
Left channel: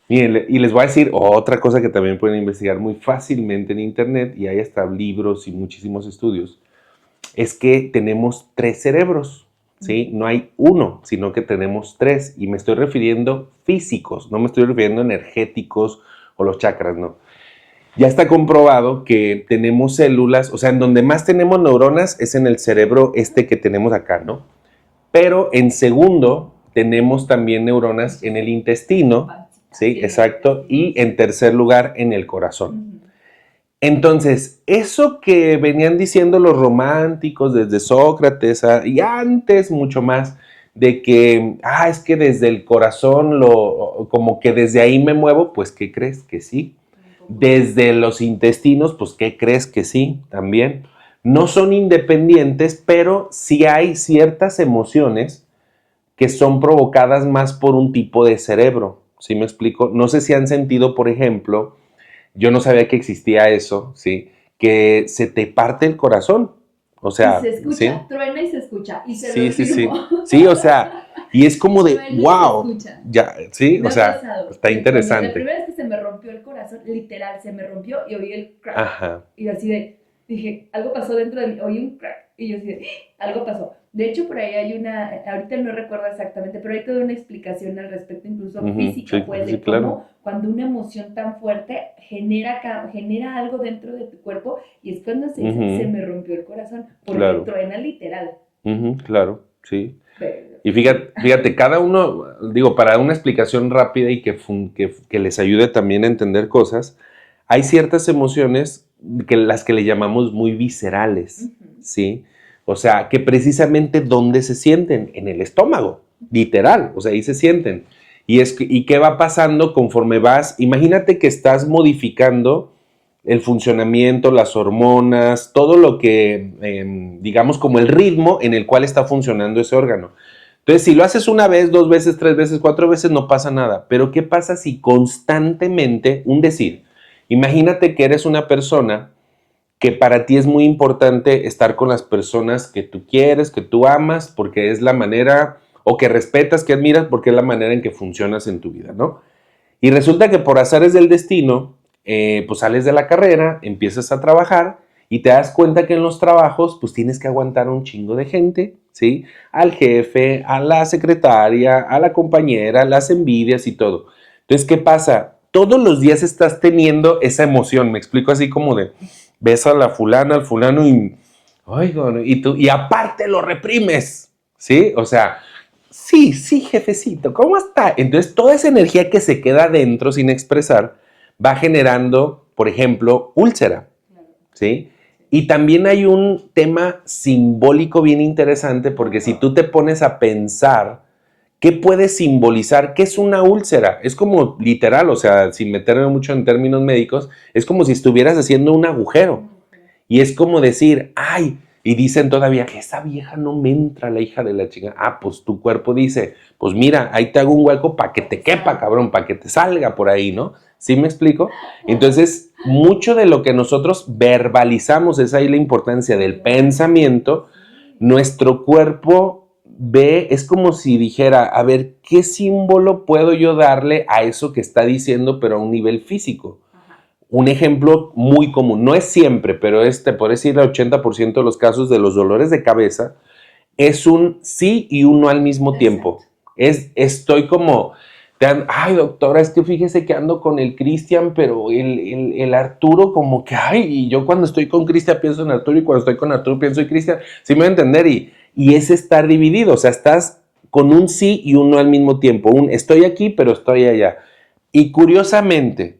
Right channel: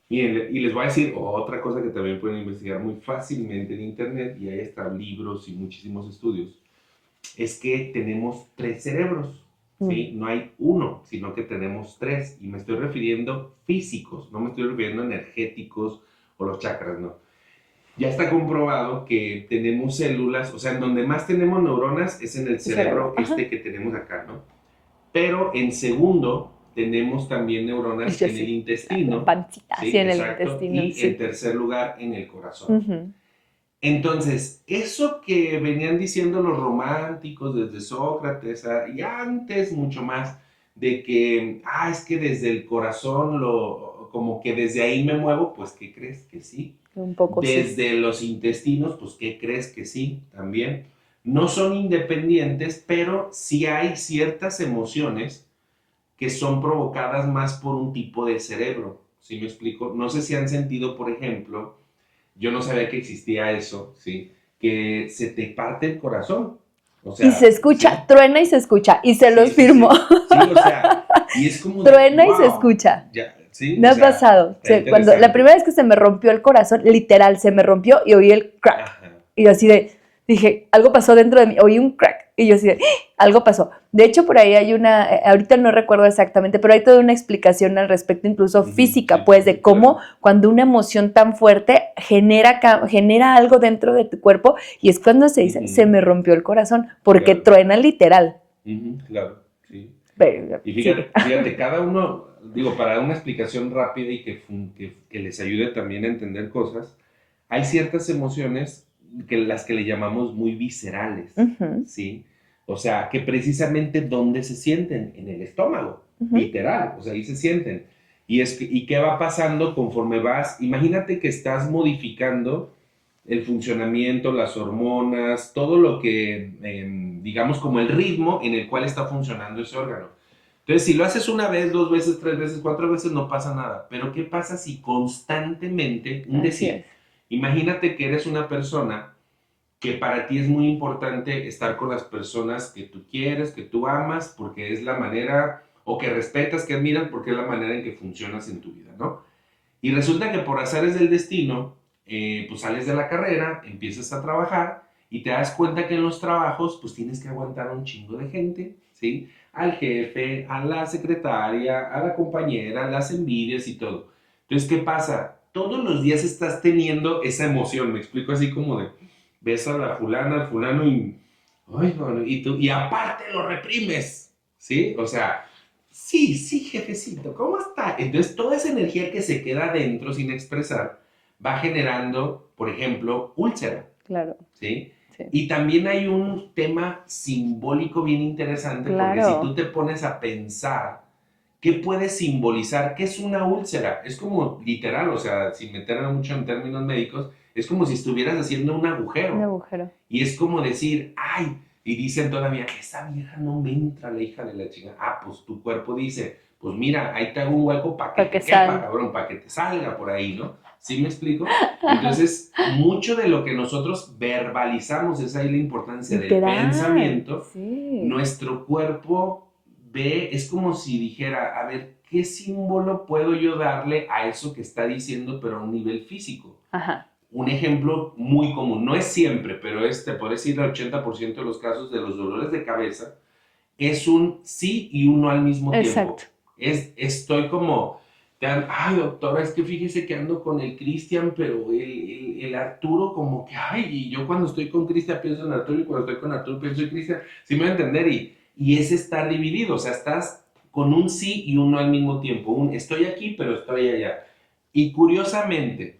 Bien, y les voy a decir otra cosa que también pueden investigar muy fácilmente en internet y hay hasta libros y muchísimos estudios, es que tenemos 3 cerebros, ¿sí? No hay uno, sino que tenemos 3 y me estoy refiriendo físicos, no me estoy refiriendo energéticos o los chakras, no. Ya está comprobado que tenemos células, o sea, en donde más tenemos neuronas es en el cerebro que tenemos acá, ¿no? Pero en segundo tenemos también neuronas en el intestino, pancita, sí, exacto, y en tercer lugar en el corazón. Entonces, eso que venían diciendo los románticos desde Sócrates y antes mucho más, de que, es que desde el corazón, como que desde ahí me muevo, pues, ¿qué crees? Que sí. Un poco Desde los intestinos, pues, ¿qué crees? Que sí, también. no son independientes, pero sí hay ciertas emociones que son provocadas más por un tipo de cerebro. ¿Sí me explico? No sé si han sentido, por ejemplo, yo no sabía que existía eso, ¿sí? Que se te parte el corazón. O Y sea, se escucha, ¿sí? truena y se escucha, y se Sí, los sí, firmo. sí. Sí, o sea, y es como de, Truena y se wow, escucha. ya, sí, Me o ha sea, pasado. está Cuando la interesante. primera vez que se me rompió el corazón, literal, se me rompió y oí el crack. Ajá. Y yo así de, dije, algo pasó dentro de mí, oí un crack. Y yo así de, ¡ah! Algo pasó. De hecho, por ahí hay ahorita no recuerdo exactamente, pero hay toda una explicación al respecto, incluso física, Sí, pues, sí, de cómo claro, cuando una emoción tan fuerte genera algo dentro de tu cuerpo y es cuando se dice, se me rompió el corazón, porque claro, truena literal. claro, sí. Pero, Y sigue. fíjate, cada uno, digo, para una explicación rápida y que les ayude también a entender cosas, hay ciertas emociones que las que le llamamos muy viscerales, Ujú, ¿sí? O sea, que precisamente ¿dónde se sienten? En el estómago, ujú. literal, o sea, ahí se sienten. ¿Y qué va pasando conforme vas? Imagínate que estás modificando el funcionamiento, las hormonas, todo lo que, digamos, como el ritmo en el cual está funcionando ese órgano. Entonces, si lo haces una vez, dos veces, tres veces, cuatro veces, no pasa nada. Pero ¿qué pasa si constantemente, un Así decir, es. imagínate que eres una persona que para ti es muy importante estar con las personas que tú quieres, que tú amas, porque es la manera, o que respetas, que admiras, porque es la manera en que funcionas en tu vida, ¿no? Y resulta que por azares del destino, pues sales de la carrera, empiezas a trabajar y te das cuenta que en los trabajos, pues tienes que aguantar a un chingo de gente, ¿sí? Al jefe, a la secretaria, a la compañera, las envidias y todo. Entonces, ¿qué pasa? Todos los días estás teniendo esa emoción, me explico así como de, ves a la fulana, al fulano y, ay, no, y aparte lo reprimes, ¿sí? O sea, sí, sí, jefecito, ¿cómo está? Entonces, toda esa energía que se queda adentro sin expresar va generando, por ejemplo, úlcera, Claro, ¿sí? sí. Y también hay un tema simbólico bien interesante porque si tú Claro. te pones a pensar, ¿qué puede simbolizar? ¿Qué es una úlcera? Es como literal, o sea, sin meterme mucho en términos médicos, es como si estuvieras haciendo un Un agujero. agujero. Y es como decir, ay, y dicen todavía, esa vieja no me entra, la hija de la chica. Ah, pues tu cuerpo dice, pues mira, ahí te hago un hueco para que Para que te quepa, sal. cabrón, para que te salga por ahí, ¿no? ¿Sí me explico? Entonces, mucho de lo que nosotros verbalizamos, es ahí la importancia del Literal. pensamiento, Sí. nuestro cuerpo ve, es como si dijera, a ver, ¿qué símbolo puedo yo darle a eso que está diciendo, pero a un nivel físico? Ajá. Un ejemplo muy común, no es siempre, pero te puedo decir el 80% de los casos de los dolores de cabeza, es un sí y un no al mismo Exacto. tiempo. Estoy como, ay doctora, es que fíjese que ando con el Cristian, pero el Arturo como que, ay, y yo cuando estoy con Cristian pienso en Arturo y cuando estoy con Arturo pienso en Cristian, ¿sí me va a entender? Y es estar dividido, o sea, estás con un sí y un no al mismo tiempo, un estoy aquí, pero estoy allá. Y curiosamente,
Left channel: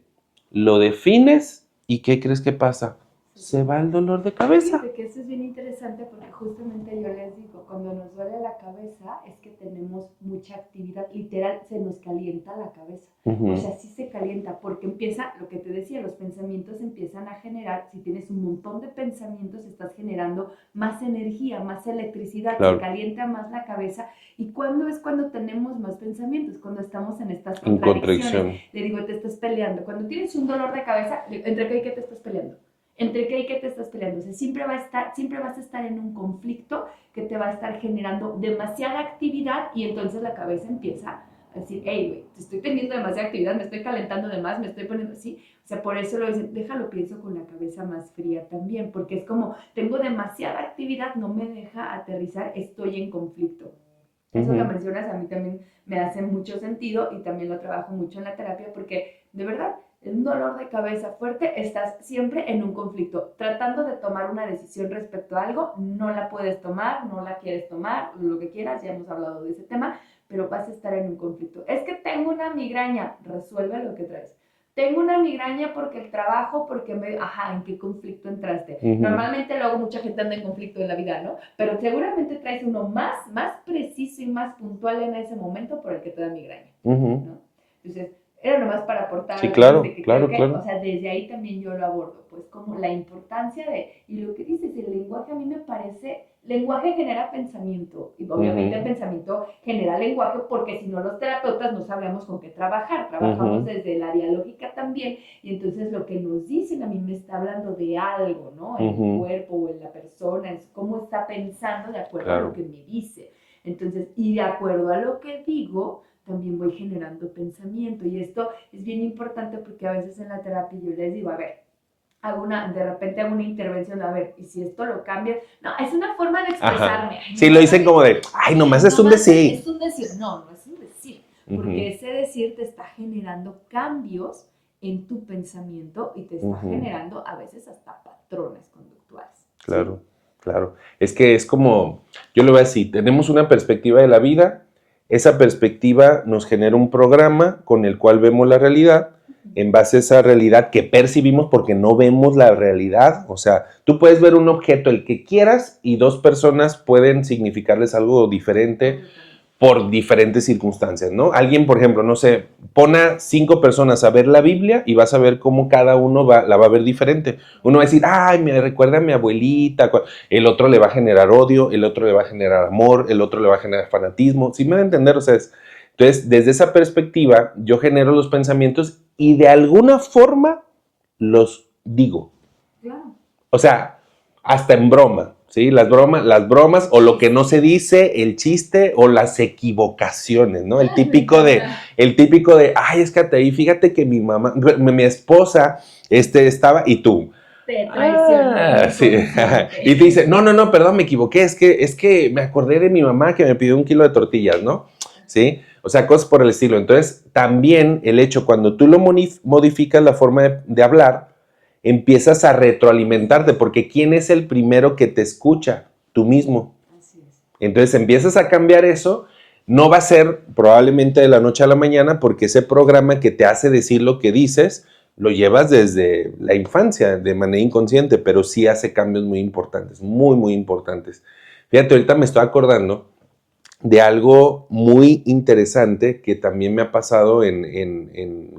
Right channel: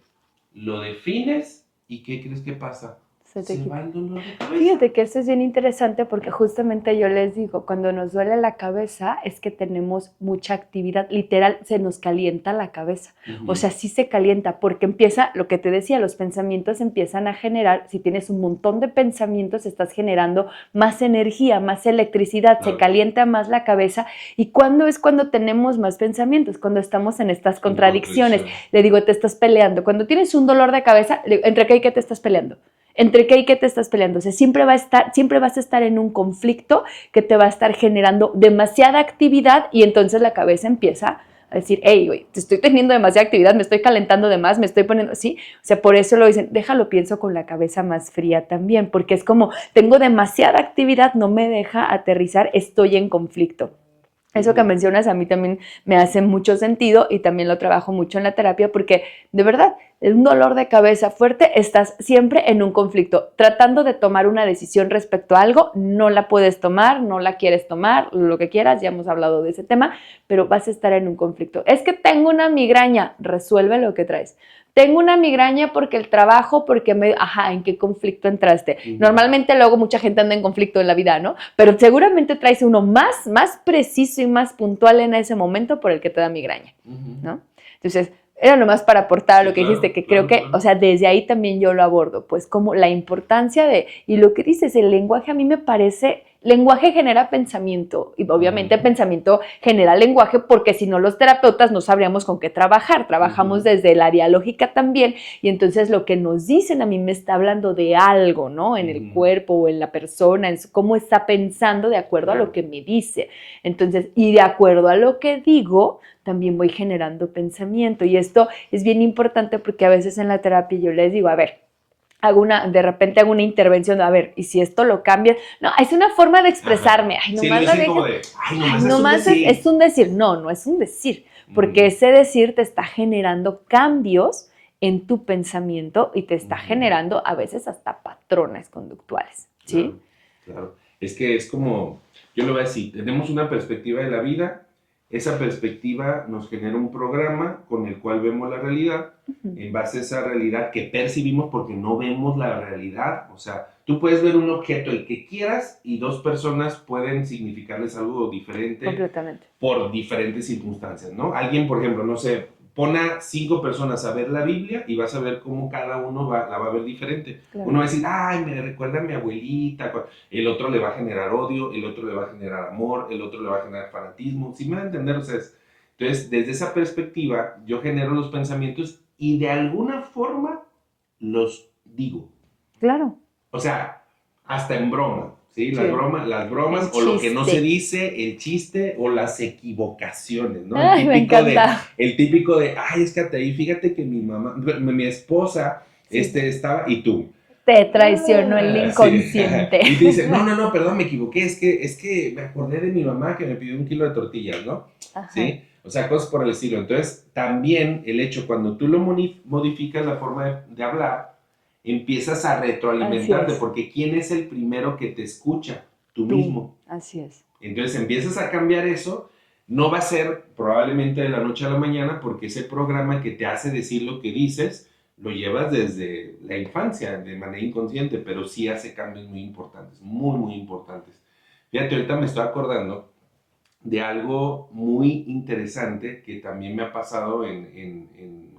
lo defines y ¿qué crees que pasa? Se te Se va quita. el dolor de cabeza. Fíjate que esto es bien interesante porque justamente yo les digo, cuando nos duele la cabeza es que tenemos mucha actividad, literal se nos calienta la cabeza, o sea, sí se calienta porque empieza, lo que te decía, los pensamientos empiezan a generar, si tienes un montón de pensamientos, estás generando más energía, más electricidad, se Claro, calienta más la cabeza. ¿Y cuándo es cuando tenemos más pensamientos? Cuando estamos en estas en contradicciones. contradicción. Le digo, te estás peleando. Cuando tienes un dolor de cabeza, ¿entre qué y qué te estás peleando? ¿Entre qué y qué te estás peleando? O sea, siempre vas a estar en un conflicto que te va a estar generando demasiada actividad y entonces la cabeza empieza a decir, hey, güey, te estoy teniendo demasiada actividad, me estoy calentando de más, me estoy poniendo así. O sea, por eso lo dicen, déjalo, pienso con la cabeza más fría también, porque es como, tengo demasiada actividad, no me deja aterrizar, estoy en conflicto. Eso que mencionas a mí también me hace mucho sentido y también lo trabajo mucho en la terapia porque de verdad, un dolor de cabeza fuerte, estás siempre en un conflicto, tratando de tomar una decisión respecto a algo, no la puedes tomar, no la quieres tomar, lo que quieras, ya hemos hablado de ese tema, pero vas a estar en un conflicto. Es que tengo una migraña, resuelve lo que traes. Tengo una migraña porque el trabajo, porque ajá, ¿en qué conflicto entraste? Normalmente luego mucha gente anda en conflicto en la vida, ¿no? Pero seguramente traes uno más preciso y más puntual en ese momento por el que te da migraña, ¿no? Entonces, era nomás para aportar Sí, lo que claro, dijiste, que claro, creo que, claro. o sea, desde ahí también yo lo abordo, pues como la importancia de, y lo que dices, el lenguaje a mí me parece, lenguaje genera pensamiento, y obviamente pensamiento genera lenguaje, porque si no los terapeutas no sabríamos con qué trabajar, trabajamos desde el área lógica también, y entonces lo que nos dicen a mí me está hablando de algo, ¿no? En el cuerpo o en la persona, en cómo está pensando de acuerdo a lo que me dice. Entonces, y de acuerdo a lo que digo, también voy generando pensamiento. Y esto es bien importante porque a veces en la terapia yo les digo, a ver, de repente hago una intervención, a ver, ¿y si esto lo cambias? No, es una forma de expresarme. Ajá. Ay, Sí, lo nomás hice como de, ay, nomás es un decir. es un decir. No, no es un decir, porque ese decir te está generando cambios en tu pensamiento y te está generando a veces hasta patrones conductuales. Claro, ¿sí? claro. Es que es como, yo lo voy a decir, tenemos una perspectiva de la vida, esa perspectiva nos genera un programa con el cual vemos la realidad, en base a esa realidad que percibimos porque no vemos la realidad. O sea, tú puedes ver un objeto, el que quieras, y dos personas pueden significarles algo diferente. Completamente. Por diferentes circunstancias, ¿no? Alguien, por ejemplo, no sé, pone a 5 personas a ver la Biblia y vas a ver cómo cada uno la va a ver diferente. Claro. Uno va a decir, ay, me recuerda a mi abuelita. El otro le va a generar odio, el otro le va a generar amor, el otro le va a generar fanatismo. ¿Sí me van a entender? O sea, entonces, desde esa perspectiva, yo genero los pensamientos y de alguna forma los digo. Claro. O sea, hasta en broma, ¿sí? Las bromas o lo que no se dice, el chiste o las equivocaciones, ¿no? El típico de, ay, es que ahí fíjate que mi esposa, estaba, y tú. Te traicionó el inconsciente. Sí. Y te dice, no, perdón, me equivoqué, es que me acordé de mi mamá que me pidió 1 kilo de tortillas, ¿no? Ajá. ¿Sí? O sea, cosas por el estilo. Entonces, también el hecho, cuando tú lo modificas la forma de hablar, empiezas a retroalimentarte, porque ¿quién es el primero que te escucha? Tú mismo. Así es. Entonces empiezas a cambiar eso, no va a ser probablemente de la noche a la mañana, porque ese programa que te hace decir lo que dices, lo llevas desde la infancia, de manera inconsciente, pero sí hace cambios muy importantes, muy, muy importantes. Fíjate, ahorita me estoy acordando de algo muy interesante que también me ha pasado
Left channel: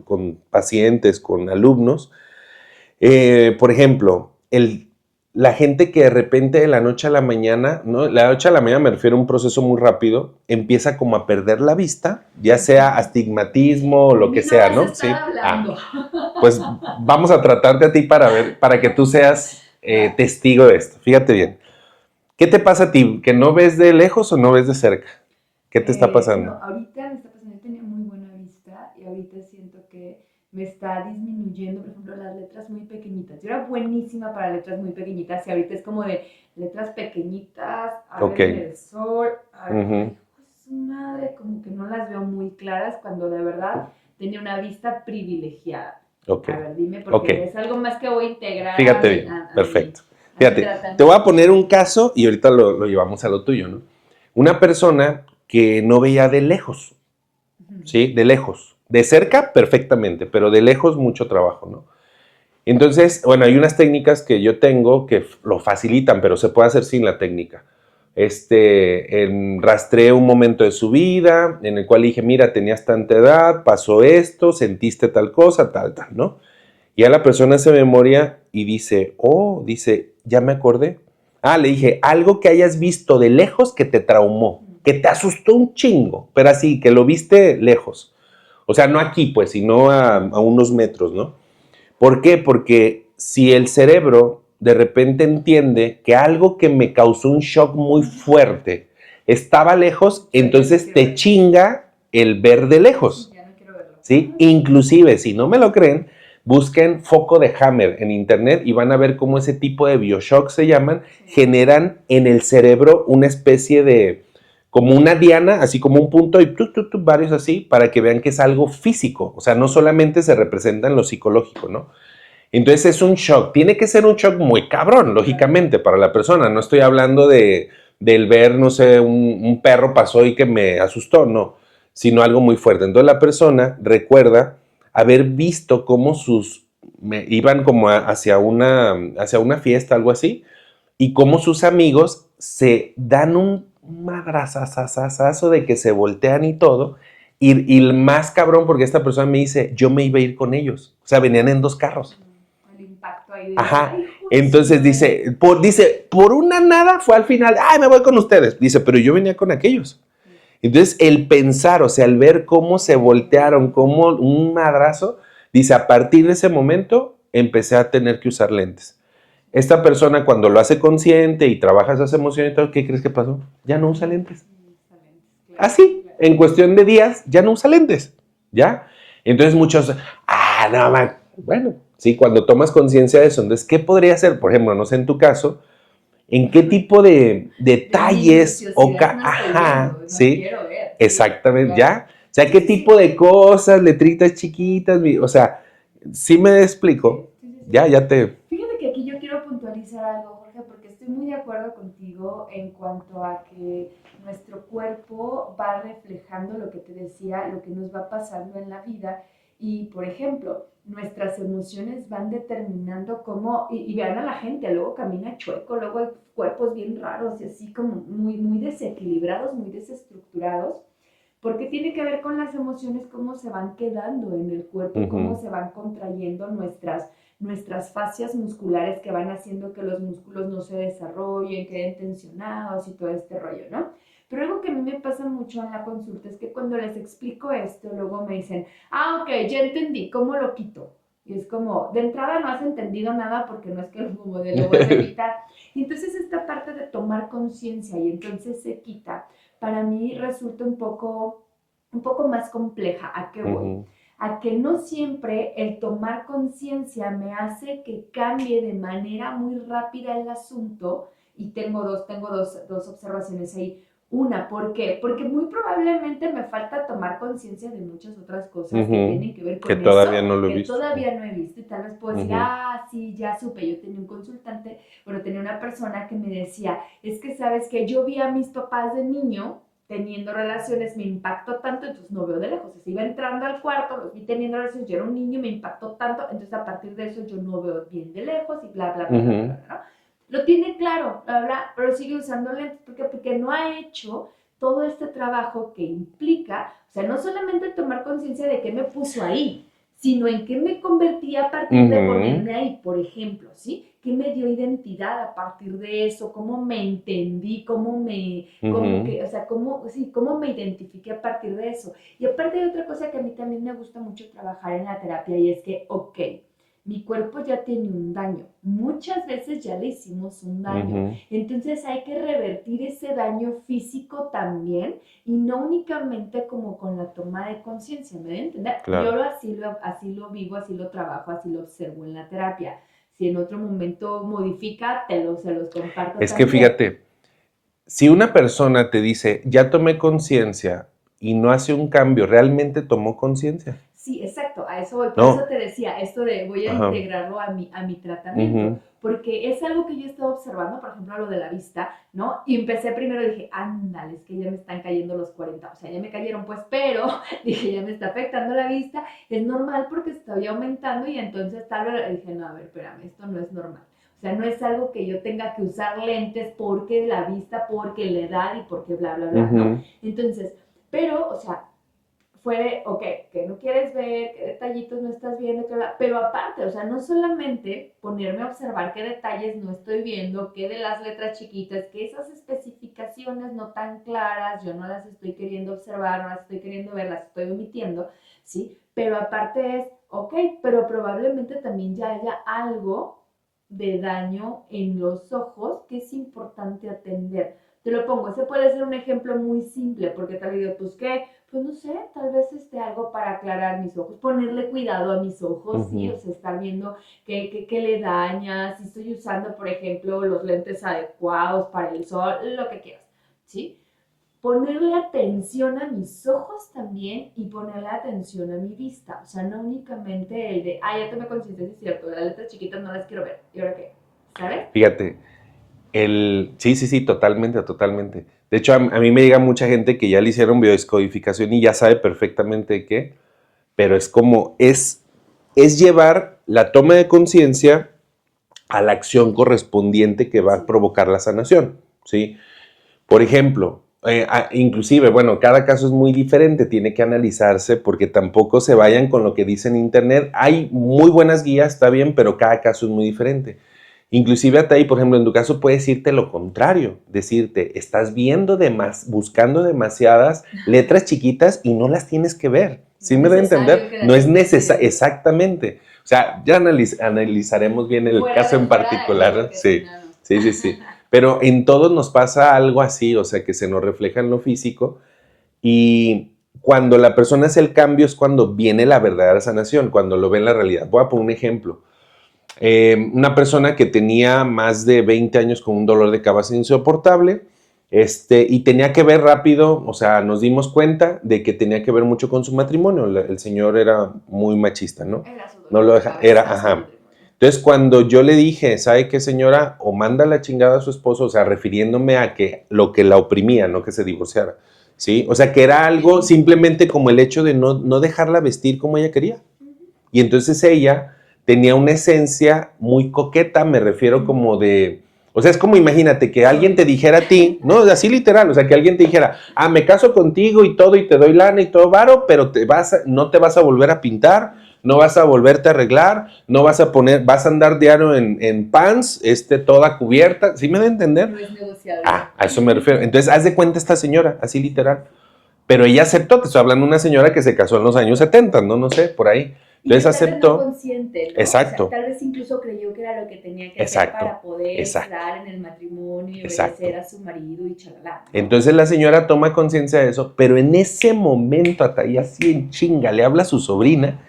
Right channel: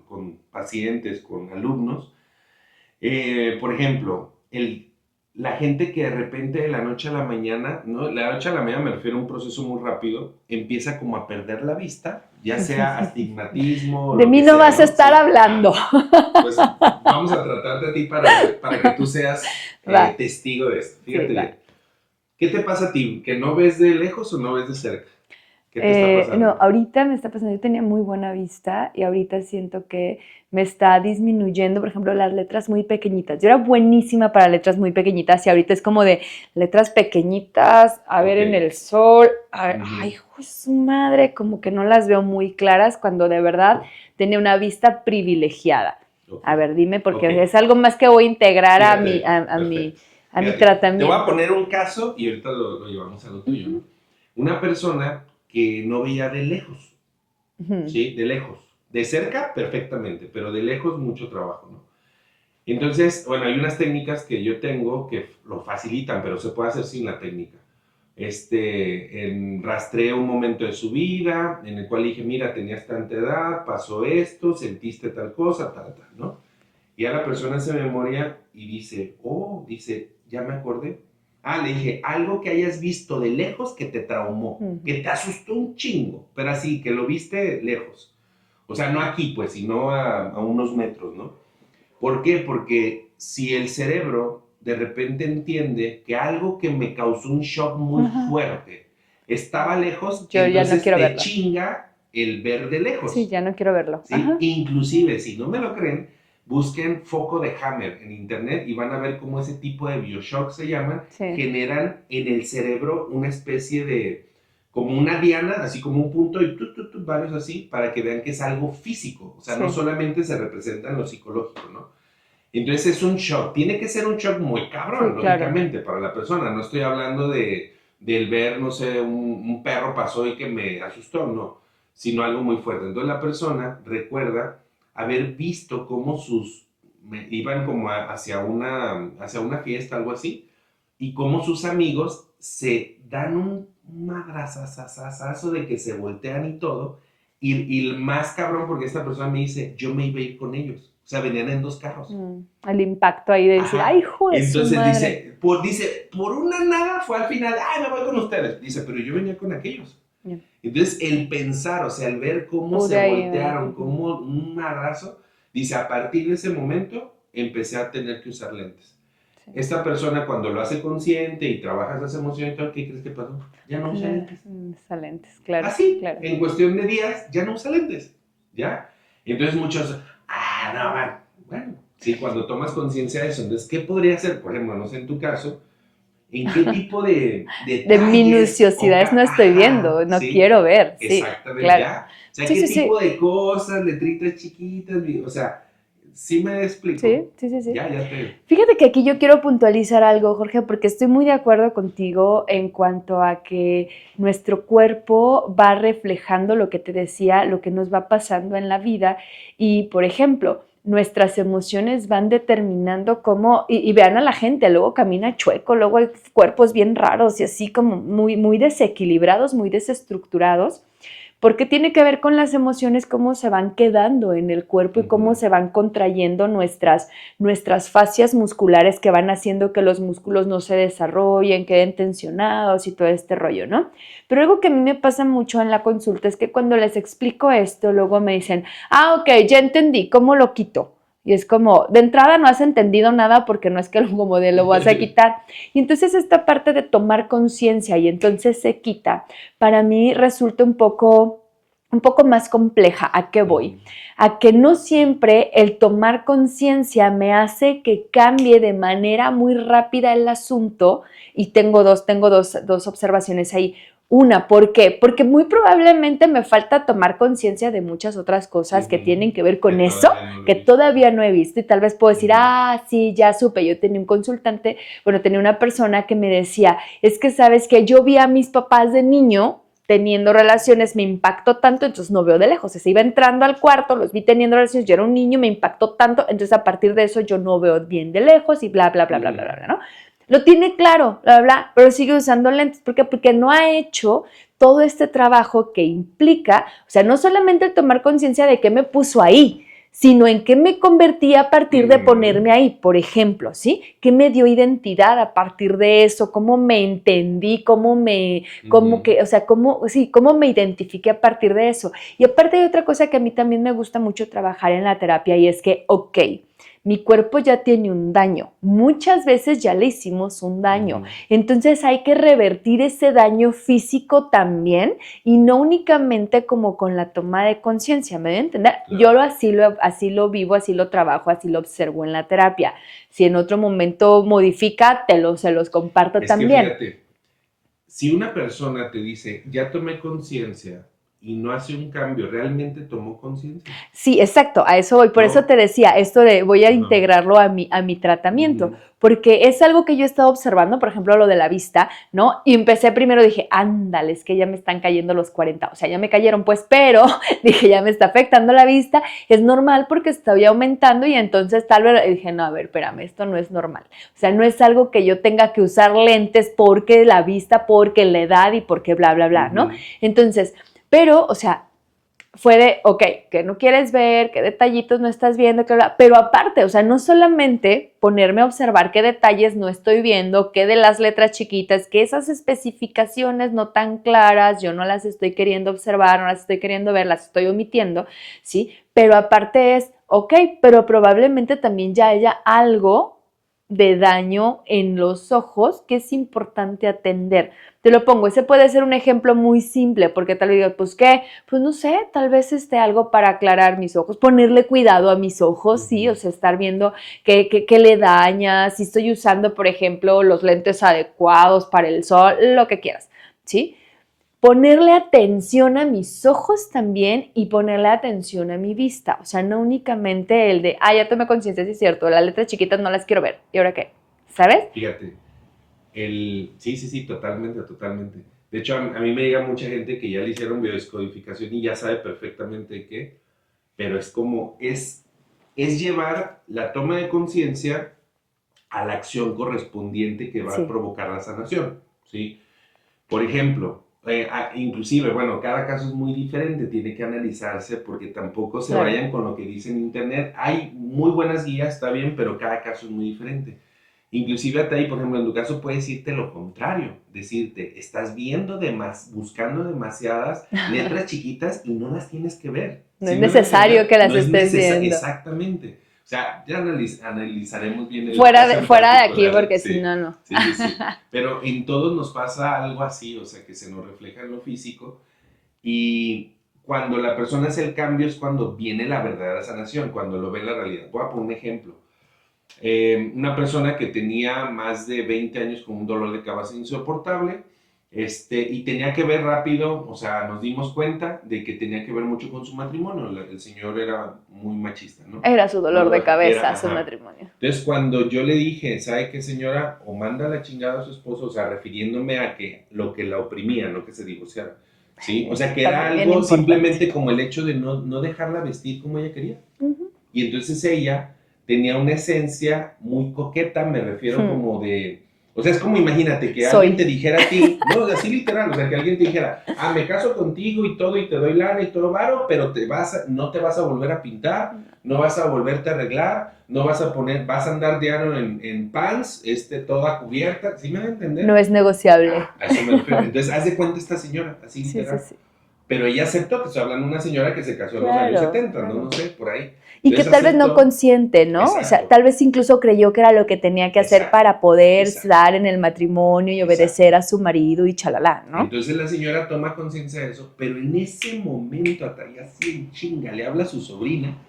con pacientes, con alumnos. Por ejemplo, la gente que de repente de la noche a la mañana, ¿no? La noche a la mañana me refiero a un proceso muy rápido, empieza como a perder la vista, ya sea astigmatismo o lo que sea. De mí no vas a estar hablando. Pues vamos a tratarte a ti para que tú seas testigo de esto. Fíjate bien. ¿Qué te pasa a ti? ¿Que no ves de lejos o no ves de cerca? ¿Qué te está pasando? No, ahorita me está pasando, yo tenía muy buena vista y ahorita siento que me está disminuyendo, por ejemplo, las letras muy pequeñitas. Yo era buenísima para letras muy pequeñitas y ahorita es como de letras pequeñitas, a ver en el sol, a ver, ay, hijo de su madre, como que no las veo muy claras cuando de verdad tenía una vista privilegiada. A ver, dime, porque es algo más que voy a integrar a mi tratamiento. Te voy a poner un caso y ahorita lo llevamos a lo tuyo, ¿no? Una persona que no veía de lejos, ¿sí? De lejos. De cerca, perfectamente, pero de lejos, mucho trabajo, ¿no? Entonces, bueno, hay unas técnicas que yo tengo que lo facilitan, pero se puede hacer sin la técnica. Rastreé un momento de su vida en el cual dije, mira, tenías tanta edad, pasó esto, sentiste tal cosa, tal, ¿no? Y a la persona hace memoria y dice, ya me acordé. Le dije, algo que hayas visto de lejos que te traumó, que te asustó un chingo, pero así, que lo viste lejos. O sea, no aquí, pues, sino a unos metros, ¿no? ¿Por qué? Porque si el cerebro de repente entiende que algo que me causó un shock muy fuerte estaba lejos, entonces te chinga el ver de lejos. Sí, ya no quiero verlo. ¿Sí? Inclusive, si no me lo creen, busquen foco de Hammer en internet y van a ver cómo ese tipo de Bioshock se llaman, generan en el cerebro una especie de, como una diana, así como un punto y varios así, para que vean que es algo físico. O sea, no solamente se representa en lo psicológico, ¿no? Entonces es un shock. Tiene que ser un shock muy cabrón, lógicamente, para la persona. No estoy hablando del ver, no sé, un perro pasó y que me asustó, no, sino algo muy fuerte. Entonces la persona recuerda haber visto cómo iban como hacia una fiesta, algo así, y cómo sus amigos se dan un madrazazazazo de que se voltean y todo, Y el más cabrón, porque esta persona me dice, yo me iba a ir con ellos. O sea, venían en 2 carros. El impacto ahí de decir, ay, hijo de Entonces su madre. dice, por una nada fue al final, ay, me voy con ustedes. Dice, pero yo venía con aquellos. Entonces, el pensar, o sea, el ver cómo se voltearon, como un madrazo, dice, a partir de ese momento empecé a tener que usar lentes. Esta persona cuando lo hace consciente y trabaja esas emociones y todo, ¿qué crees que pasó? Ya no usa lentes. Usa lentes, claro. Así, claro. En cuestión de días, ya no usa lentes, ¿ya? Entonces muchos, no, man. Bueno, sí, cuando tomas conciencia de eso, entonces, ¿qué podría ser? Por ejemplo, no sé, en tu caso, ¿en qué tipo de detalles? De minuciosidades no estoy viendo, no quiero ver. Exactamente, sí, claro. ¿ya? O sea, ¿qué tipo de cosas, letritas chiquitas? O sea, ¿sí me explico? Sí. Ya te... Fíjate que aquí yo quiero puntualizar algo, Jorge, porque estoy muy de acuerdo contigo en cuanto a que nuestro cuerpo va reflejando lo que te decía, lo que nos va pasando en la vida. Y, por ejemplo, nuestras emociones van determinando cómo, y vean a la gente, luego camina chueco, luego hay cuerpos bien raros y así como muy desequilibrados, muy desestructurados. Porque tiene que ver con las emociones, cómo se van quedando en el cuerpo y cómo se van contrayendo nuestras fascias musculares que van haciendo que los músculos no se desarrollen, queden tensionados y todo este rollo, ¿no? Pero algo que a mí me pasa mucho en la consulta es que cuando les explico esto, luego me dicen, ok, ya entendí, ¿cómo lo quito? Y es como, de entrada no has entendido nada porque no es que como de lo vas a quitar. Y entonces esta parte de tomar conciencia y entonces se quita, para mí resulta un poco más compleja. ¿A qué voy? A que no siempre el tomar conciencia me hace que cambie de manera muy rápida el asunto. Y tengo dos observaciones ahí. Una, ¿por qué? Porque muy probablemente me falta tomar conciencia de muchas otras cosas que tienen que ver con eso, que todavía no he visto. Y tal vez puedo decir, sí, ya supe. Yo tenía un consultante, tenía una persona que me decía, es que sabes que yo vi a mis papás de niño teniendo relaciones, me impactó tanto, entonces no veo de lejos. Se iba entrando al cuarto, los vi teniendo relaciones, yo era un niño, me impactó tanto, entonces a partir de eso yo no veo bien de lejos y bla, bla, bla, bla, bla, bla, ¿no? Lo tiene claro, bla, bla, pero sigue usando lentes. ¿Por qué? Porque no ha hecho todo este trabajo que implica, o sea, no solamente el tomar conciencia de qué me puso ahí, sino en qué me convertí a partir de ponerme ahí, por ejemplo, ¿sí? ¿Qué me dio identidad a partir de eso? ¿Cómo me entendí? ¿Cómo me identifiqué a partir de eso? Y aparte hay otra cosa que a mí también me gusta mucho trabajar en la terapia y es que, mi cuerpo ya tiene un daño. Muchas veces ya le hicimos un daño. Entonces hay que revertir ese daño físico también y no únicamente como con la toma de conciencia. ¿Me voy a entender? Claro. Yo así lo vivo, así lo trabajo, así lo observo en la terapia. Si en otro momento modifica, se los comparto también. Es que fíjate, si una persona te dice, ya tomé conciencia, y no hace un cambio, ¿realmente tomó conciencia? Sí, exacto, a eso voy. Por eso te decía, esto de voy a integrarlo a mi tratamiento, porque es algo que yo he estado observando, por ejemplo, lo de la vista, ¿no? Y empecé primero, dije, ándale, es que ya me están cayendo los 40, o sea, ya me cayeron, pues, pero dije, ya me está afectando la vista, es normal porque estoy aumentando y entonces tal vez dije, no, a ver, espérame, esto no es normal. O sea, no es algo que yo tenga que usar lentes porque la vista, porque la edad y porque bla, bla, bla, ¿no? Entonces, pero, o sea, fue de, que no quieres ver, qué detallitos no estás viendo, pero aparte, o sea, no solamente ponerme a observar qué detalles no estoy viendo, qué de las letras chiquitas, que esas especificaciones no tan claras, yo no las estoy queriendo observar, no las estoy queriendo ver, las estoy omitiendo, ¿sí? Pero aparte es, pero probablemente también ya haya algo de daño en los ojos que es importante atender. Te lo pongo, ese puede ser un ejemplo muy simple, porque tal vez digo, pues ¿qué? Pues no sé, tal vez algo para aclarar mis ojos, ponerle cuidado a mis ojos, sí, o sea, estar viendo qué le daña, si estoy usando, por ejemplo, los lentes adecuados para el sol, lo que quieras, ¿sí? Ponerle atención a mis ojos también y ponerle atención a mi vista. O sea, no únicamente el de, ya tomé conciencia, sí es cierto, las letras chiquitas no las quiero ver. ¿Y ahora qué? ¿Sabes? Fíjate, sí, totalmente. De hecho, a mí me llega mucha gente que ya le hicieron biodescodificación y ya sabe perfectamente qué, pero es como, es llevar la toma de conciencia a la acción correspondiente que va a provocar la sanación, ¿sí? Por ejemplo, Inclusive, bueno, cada caso es muy diferente, tiene que analizarse porque tampoco se vayan con lo que dice en internet. Hay muy buenas guías, está bien, pero cada caso es muy diferente. Inclusive hasta ahí, por ejemplo, en tu caso puedes decirte lo contrario, decirte, estás viendo buscando demasiadas letras chiquitas y no las tienes que ver. No es necesario que las no es estés viendo. Exactamente. O sea, ya analizaremos bien el fuera caso de, en fuera particular. de aquí, porque sí, si no, no. Sí. Pero en todos nos pasa algo así, o sea, que se nos refleja en lo físico y cuando la persona hace el cambio es cuando viene la verdadera sanación, cuando lo ve en la realidad. Voy a poner un ejemplo. Una persona que tenía más de 20 años con un dolor de cabeza insoportable, y tenía que ver rápido, o sea, nos dimos cuenta de que tenía que ver mucho con su matrimonio. El señor era muy machista, ¿no? Era su dolor de cabeza, su matrimonio. Entonces, cuando yo le dije, ¿sabe qué, señora? O manda la chingada a su esposo, o sea, refiriéndome a que lo que la oprimía, no que se divorciara, ¿sí? O sea, que era algo simplemente como el hecho de no dejarla vestir como ella quería. Y entonces ella tenía una esencia muy coqueta, me refiero como de... O sea, es como imagínate que alguien te dijera a ti, no, así literal, o sea, que alguien te dijera, me caso contigo y todo, y te doy lana y todo varo, pero no te vas a volver a pintar, no vas a volverte a arreglar, no vas a andar diario en pants, toda cubierta, ¿sí me da a entender? No es negociable. A eso me refiero. Entonces, haz de cuenta esta señora, así literal. Sí. Pero ella aceptó, te estoy hablando de una señora que se casó en los años 70, no sé, por ahí. Entonces, y que tal vez no consciente, ¿no? Exacto. O sea, tal vez incluso creyó que era lo que tenía que hacer para poder dar en el matrimonio y obedecer a su marido y chalala, ¿no? Entonces la señora toma conciencia de eso, pero en ese momento, hasta ahí así en chinga, le habla a su sobrina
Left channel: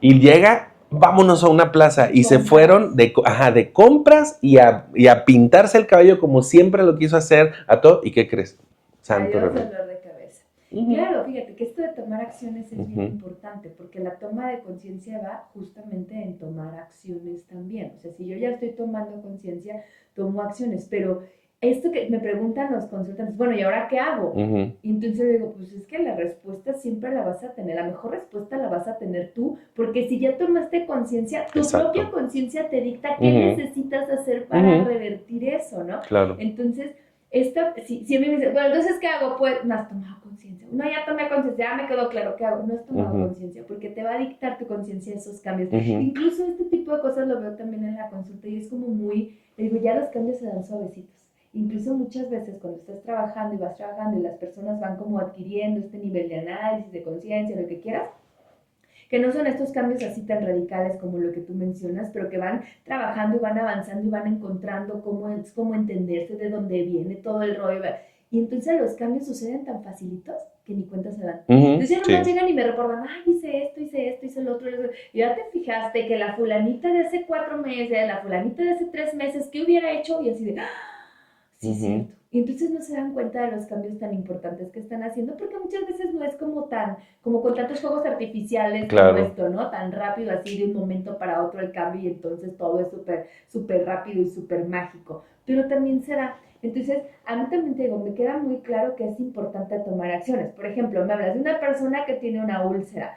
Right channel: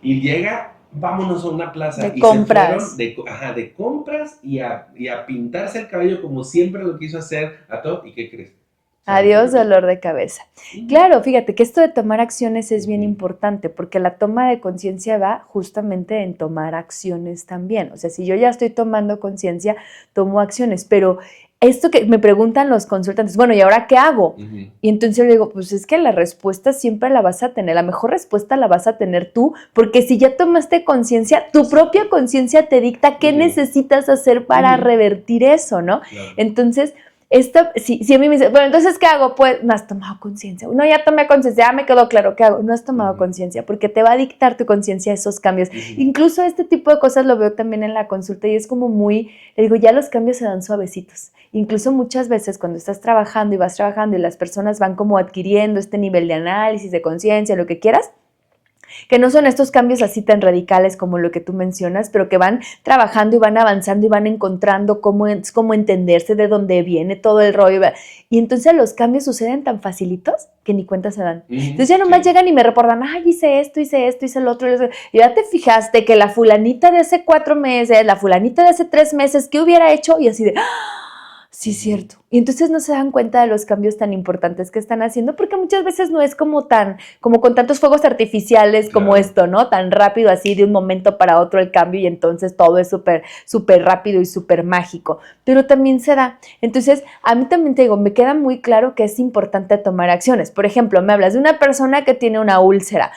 y llega, vámonos a una plaza. Y se fueron de compras y a pintarse el cabello como siempre lo quiso hacer a todo. ¿Y qué crees? Adiós, dolor de cabeza. Claro, fíjate que esto de tomar acciones es bien importante porque la toma de conciencia va justamente en tomar acciones también. O sea, si yo ya estoy tomando conciencia, tomo acciones, pero esto que me preguntan los consultantes, bueno, ¿y ahora qué hago? Y entonces yo le digo, pues es que la respuesta siempre la vas a tener, la mejor respuesta la vas a tener tú, porque si ya tomaste conciencia, tu propia conciencia te dicta qué necesitas hacer para revertir eso, ¿no? Claro. Entonces, si a mí me dice, bueno, entonces, ¿qué hago? Pues, no has tomado conciencia. No, ya tomé conciencia, ya me quedó claro, ¿qué hago? No has tomado conciencia, porque te va a dictar tu conciencia esos cambios. Incluso este tipo de cosas lo veo también en la consulta y es como muy, le digo, ya los cambios se dan suavecitos. Incluso muchas veces cuando estás trabajando y vas trabajando y las personas van como adquiriendo este nivel de análisis, de conciencia, lo que quieras, que no son estos cambios así tan radicales como lo que tú mencionas, pero que van trabajando y van avanzando y van encontrando cómo entenderse, de dónde viene todo el rollo. Y entonces los cambios suceden tan facilitos que ni cuenta se dan. Entonces ya nomás llegan y me reportan, hice esto, hice lo otro. Y ya te fijaste que la fulanita de hace 4 meses, la fulanita de hace 3 meses, ¿qué hubiera hecho? Y así de... Sí, es cierto. Y entonces no se dan cuenta de los cambios tan importantes que están haciendo, porque muchas veces no es como con tantos fuegos artificiales como esto, ¿no? Tan rápido así de un momento para otro el cambio y entonces todo es súper, súper rápido y súper mágico. Pero también se da. Entonces, a mí también te digo, me queda muy claro que es importante tomar acciones. Por ejemplo, me hablas de una persona que tiene una úlcera.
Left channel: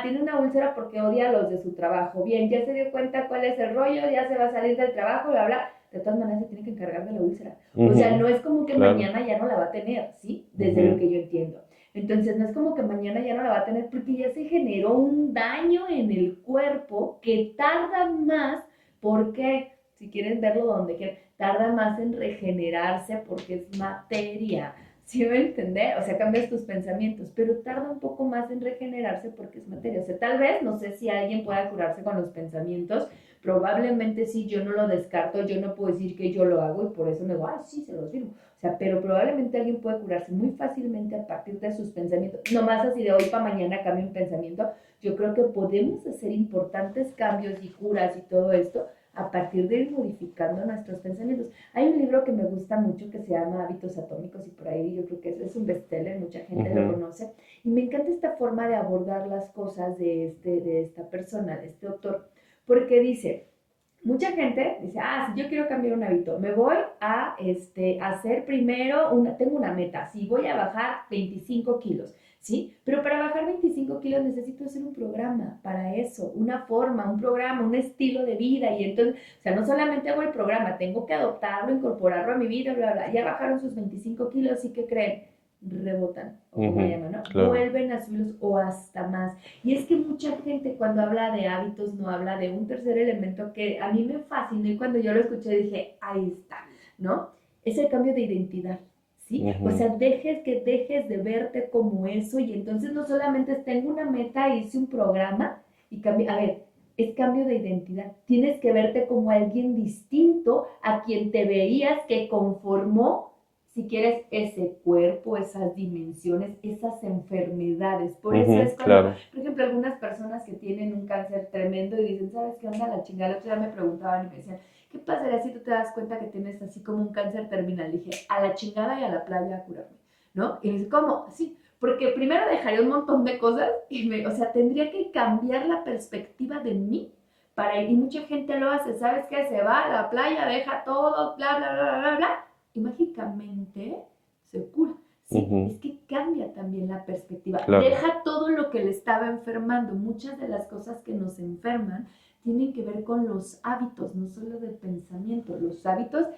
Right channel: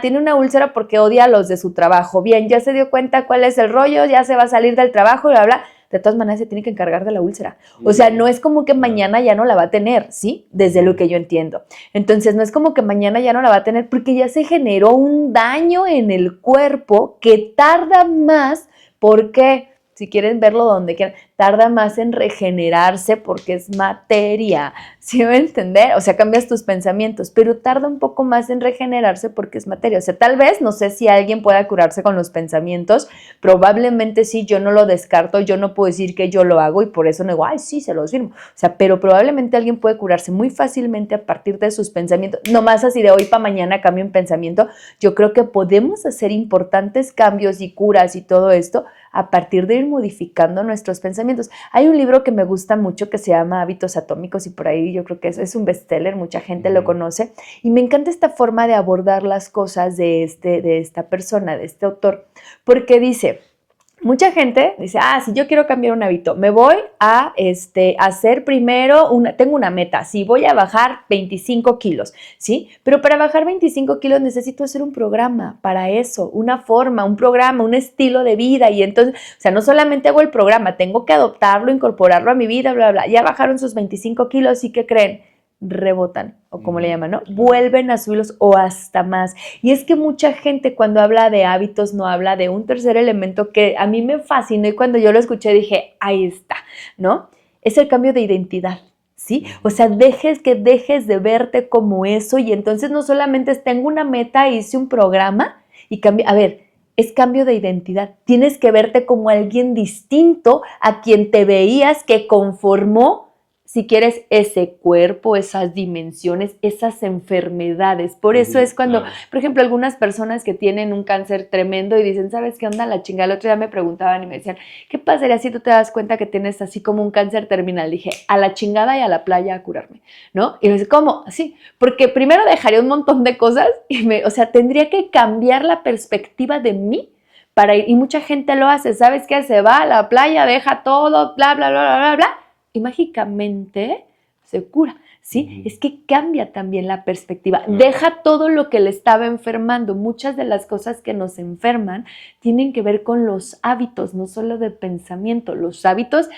Tiene una úlcera porque odia a los de su trabajo. Bien, ya se dio cuenta cuál es el rollo, ya se va a salir del trabajo y bla, bla. De todas maneras se tiene que encargar de la úlcera. O sea, no es como que mañana ya no la va a tener, ¿sí? Desde lo que yo entiendo. Entonces, no es como que mañana ya no la va a tener porque ya se generó un daño en el cuerpo que tarda más porque, si quieren verlo donde quieran, tarda más en regenerarse porque es materia, ¿sí me va a entender? O sea, cambias tus pensamientos, pero tarda un poco más en regenerarse porque es materia. O sea, tal vez, no sé si alguien pueda curarse con los pensamientos, probablemente sí, yo no lo descarto, yo no puedo decir que yo lo hago y por eso no digo, sí, se los firmo. O sea, pero probablemente alguien puede curarse muy fácilmente a partir de sus pensamientos, nomás así de hoy para mañana cambio un pensamiento. Yo creo que podemos hacer importantes cambios y curas y todo esto a partir de ir modificando nuestros pensamientos. Hay un libro que me gusta mucho que se llama Hábitos Atómicos y por ahí yo creo que es un bestseller, mucha gente lo conoce y me encanta esta forma de abordar las cosas de esta persona, de este autor, porque dice, mucha gente dice, si yo quiero cambiar un hábito, me voy a hacer primero, tengo una meta, sí, voy a bajar 25 kilos, ¿sí? Pero para bajar 25 kilos necesito hacer un programa para eso, una forma, un programa, un estilo de vida. Y entonces, o sea, no solamente hago el programa, tengo que adoptarlo, incorporarlo a mi vida, bla, bla, bla. Ya bajaron sus 25 kilos y ¿qué creen? Rebotan, o como le llaman, ¿no? Claro. Vuelven a subirlos o hasta más. Y es que mucha gente cuando habla de hábitos no habla de un tercer elemento que a mí me fascinó y cuando yo lo escuché dije, ahí está, ¿no? Es el cambio de identidad, ¿sí? O sea, dejes de verte como eso y entonces no solamente tengo una meta, hice un programa y cambio, a ver, es cambio de identidad. Tienes que verte como alguien distinto a quien te veías que conformó, si quieres, ese cuerpo, esas dimensiones, esas enfermedades. Por eso es cuando, claro. Por ejemplo, algunas personas que tienen un cáncer tremendo y dicen, ¿sabes qué onda? La chingada. El otro día me preguntaban y me decían, ¿qué pasaría si tú te das cuenta que tienes así como un cáncer terminal? Dije, a la chingada y a la playa a curarme, ¿no? Y me dice, ¿cómo? Así, porque primero dejaría un montón de cosas y o sea, tendría que cambiar la perspectiva de mí para ir. Y mucha gente lo hace, ¿sabes qué? Se va a la playa, deja todo, bla, bla, bla, bla, bla, bla, y mágicamente se cura, ¿sí? Es que cambia también la perspectiva. Claro. Deja todo lo que le estaba enfermando. Muchas de las cosas que nos enferman tienen que ver con los hábitos, no solo de pensamiento, los hábitos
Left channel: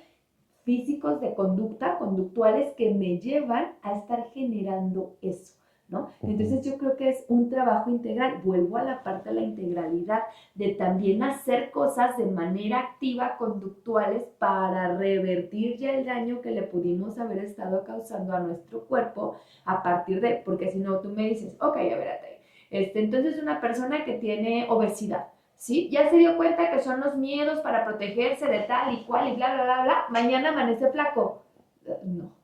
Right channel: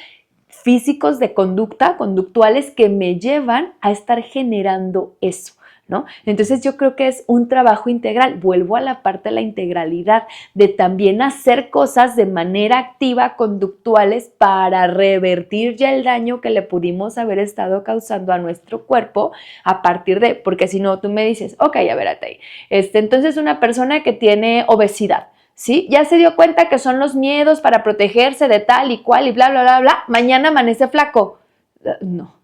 físicos de conducta, conductuales que me llevan a estar generando eso, ¿no? Entonces yo creo que es un trabajo integral. Vuelvo a la parte de la integralidad, de también hacer cosas de manera activa, conductuales, para revertir ya el daño que le pudimos haber estado causando a nuestro cuerpo a partir de, porque si no tú me dices, ok, a ver, ahí, entonces una persona que tiene obesidad, ¿sí? Ya se dio cuenta que son los miedos para protegerse de tal y cual y bla, bla, bla, bla, mañana amanece flaco. No.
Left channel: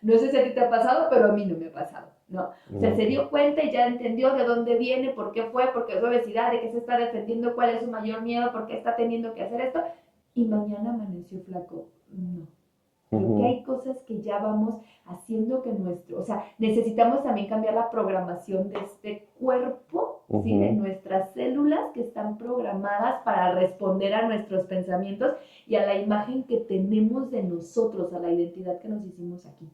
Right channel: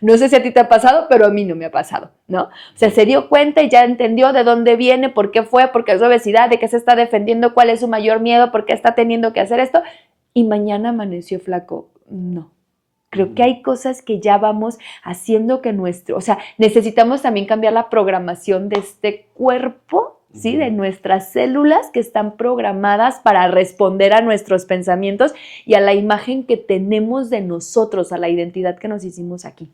No sé si a ti te ha pasado, pero a mí no me ha pasado, ¿no? O sea, se dio cuenta y ya entendió de dónde viene, por qué fue, por qué es obesidad, de qué se está defendiendo, cuál es su mayor miedo, por qué está teniendo que hacer esto, y mañana amaneció flaco. No. Creo que hay cosas que ya vamos haciendo que o sea, necesitamos también cambiar la programación de este cuerpo, ¿sí? De nuestras células que están programadas para responder a nuestros pensamientos y a la imagen que tenemos de nosotros, a la identidad que nos hicimos aquí.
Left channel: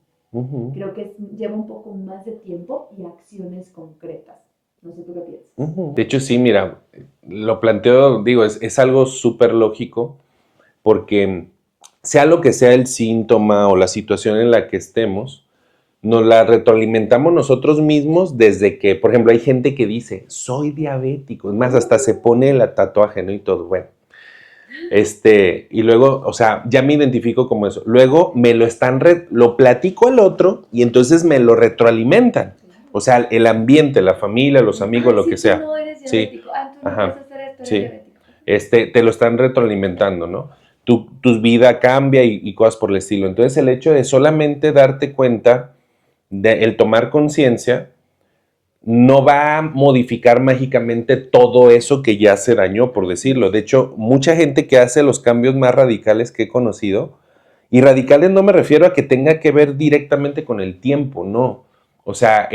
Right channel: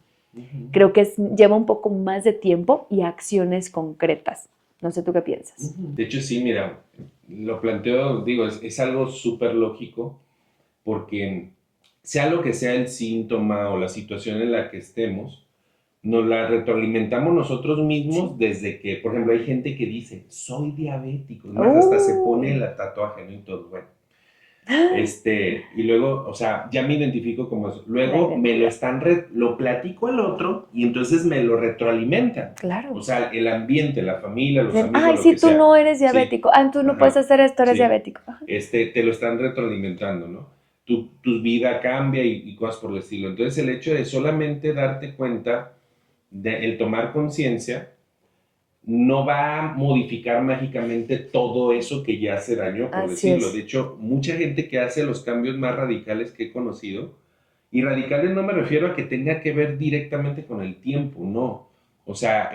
Creo que lleva un poco más de tiempo y acciones concretas. No sé, ¿tú qué piensas? De hecho, sí, mira, lo planteo, digo, es algo súper lógico porque sea lo que sea el síntoma o la situación en la que estemos, nos la retroalimentamos nosotros mismos desde que, por ejemplo, hay gente que dice, soy diabético, es más, hasta se pone el tatuaje, ¿no? Y todo, bueno. Y luego, o sea, ya me identifico como eso. Luego me lo platico al otro y entonces me lo retroalimentan. Claro. O sea, el ambiente, la familia, los amigos, lo que sea. Tú no eres diabético. Sí. Tú no puedes hacer esto, eres diabético. Te lo están retroalimentando, ¿no? Tu vida cambia y cosas por el estilo. Entonces, el hecho de solamente darte cuenta, el tomar conciencia, no va a modificar mágicamente todo eso que ya se dañó, por decirlo. Es. De hecho, mucha gente que hace los cambios más radicales que he conocido, y radicales no me refiero a que tenga que ver directamente con el tiempo, no. O sea,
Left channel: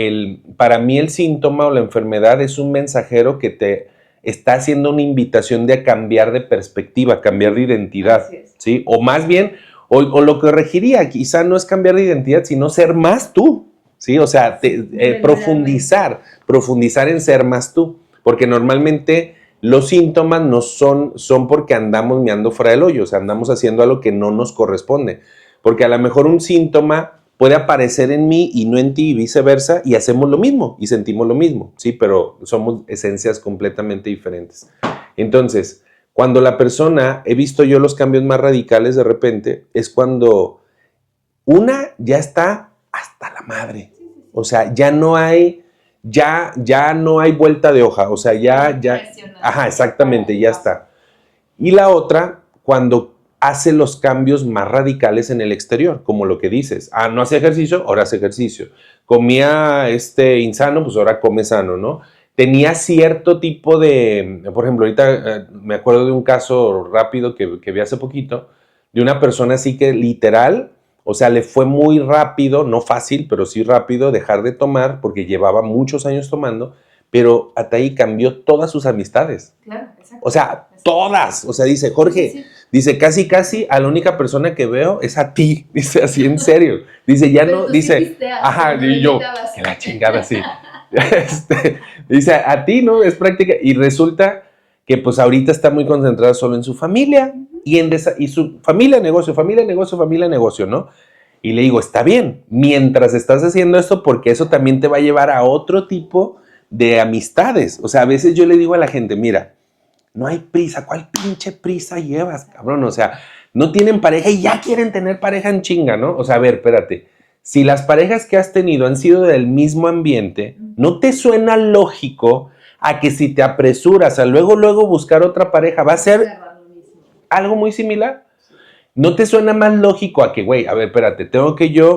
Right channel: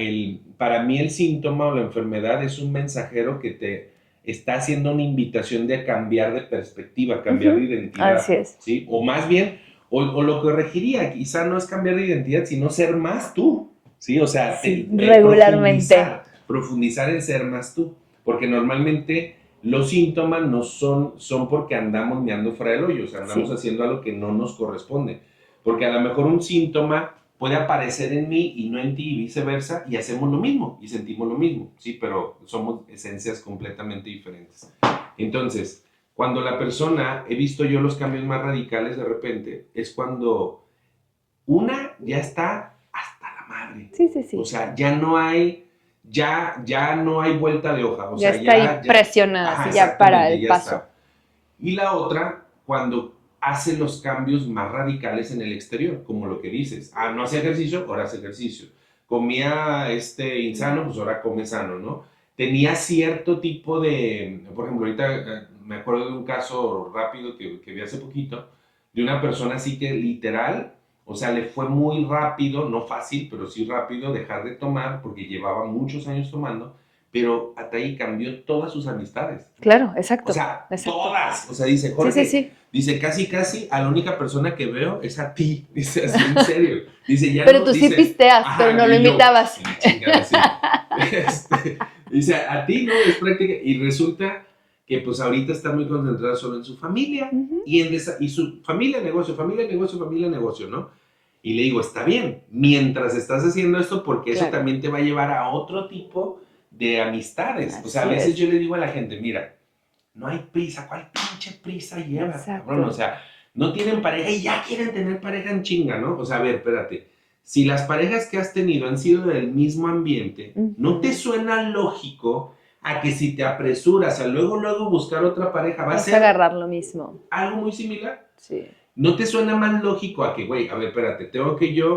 para mí el síntoma o la enfermedad es un mensajero que te está haciendo una invitación de cambiar de perspectiva, cambiar de identidad. Así es. ¿Sí? O más bien, o lo que regiría quizá no es cambiar de identidad, sino ser más tú. ¿Sí? O sea, profundizar en ser más tú, porque normalmente los síntomas no son porque andamos meando fuera del hoyo, o sea, andamos haciendo algo que no nos corresponde, porque a lo mejor un síntoma puede aparecer en mí y no en ti y viceversa, y hacemos lo mismo y sentimos lo mismo, ¿sí? Pero somos esencias completamente diferentes. Entonces, cuando la persona, he visto yo los cambios más radicales de repente, es cuando una ya está hasta la madre. Sí. O sea, ya no hay vuelta de hoja. O sea, ya presionada. Ajá, exactamente, ya está. Y la otra, cuando hace los cambios más radicales en el exterior, como lo que dices. No hacía ejercicio, ahora hace ejercicio. Comía insano, pues ahora come sano, ¿no? Tenía cierto tipo de, por ejemplo, ahorita me acuerdo de un caso rápido que vi hace poquito, de una persona así que literal, o sea, le fue muy rápido, no fácil, pero sí rápido, dejar de tomar, porque llevaba muchos años tomando, pero Ataí cambió todas sus amistades. Claro, exacto. O sea, todas. O sea, dice, Jorge, dice, casi a la única persona que veo es a ti. Dice, así en serio. Dice, ya pero no, tú dice, sí pisteas, pero no lo invitabas. Que la chingada, sí. Dice, a ti, ¿no? Es práctica. Y resulta que pues ahorita está muy concentrada solo en su familia y su familia, negocio, ¿no? Y le digo, está bien, mientras estás haciendo esto, porque eso también te va a llevar a otro tipo de amistades. O sea, a veces yo le digo a la gente, mira, no hay prisa, ¿cuál pinche prisa llevas, cabrón? O sea, no tienen pareja y ya quieren tener pareja en chinga, ¿no? O sea, a ver, espérate. Si las parejas que has tenido han sido del mismo ambiente, ¿no te suena lógico a que si te apresuras a luego buscar otra pareja, va a ser agarrar lo mismo? Algo muy similar. Sí. ¿No te suena más lógico a que, güey, a ver, espérate,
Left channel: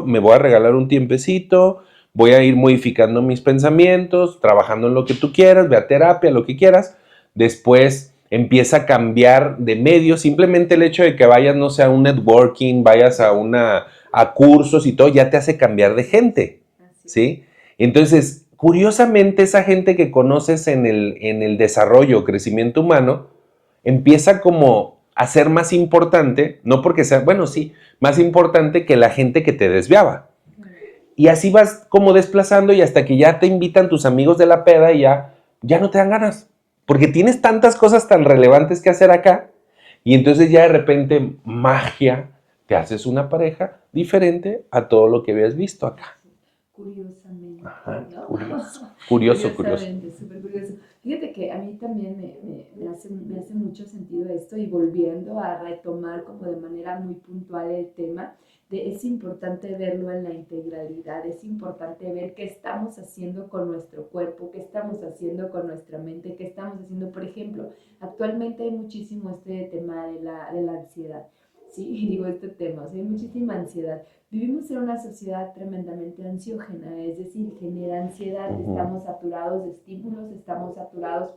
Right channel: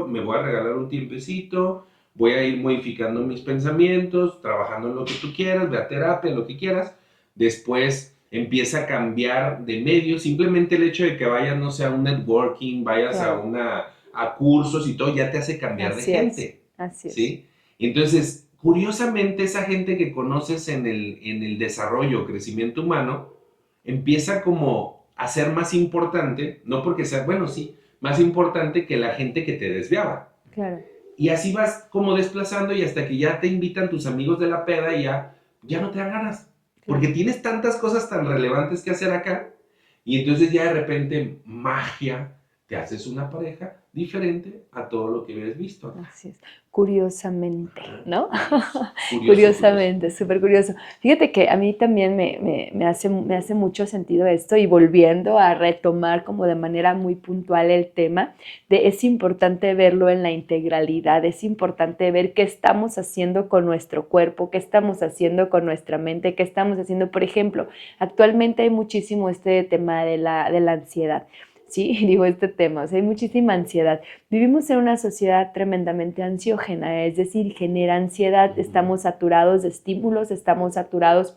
me voy a regalar un tiempecito, voy a ir modificando mis pensamientos, trabajando en lo que tú quieras, ve a terapia, lo que quieras, después empieza a cambiar de medio, simplemente el hecho de que vayas, no sé, a un networking, vayas a cursos y todo, ya te hace cambiar de gente, ¿sí? Entonces, curiosamente, esa gente que conoces en el desarrollo, crecimiento humano, empieza como a ser más importante, no porque sea, bueno, sí, más importante que la gente que te desviaba. Claro. Y así vas como desplazando y hasta que ya te invitan tus amigos de la peda y ya no te dan ganas. Porque tienes tantas cosas tan relevantes que hacer acá y entonces ya de repente, magia, te haces una pareja diferente a todo lo que habías visto acá. Así es. Curiosamente, ¿no? Curiosamente, súper curioso. Fíjate que a mí también me hace mucho sentido esto y volviendo a retomar como de manera muy puntual el tema es importante verlo en la integralidad, es importante ver qué estamos haciendo con nuestro cuerpo, qué estamos haciendo con nuestra mente, qué estamos haciendo. Por ejemplo, actualmente hay muchísimo este tema de la ansiedad. Sí, digo este tema, o sea, hay muchísima ansiedad. Vivimos en una sociedad tremendamente ansiógena, es decir, genera ansiedad, estamos saturados de estímulos, estamos saturados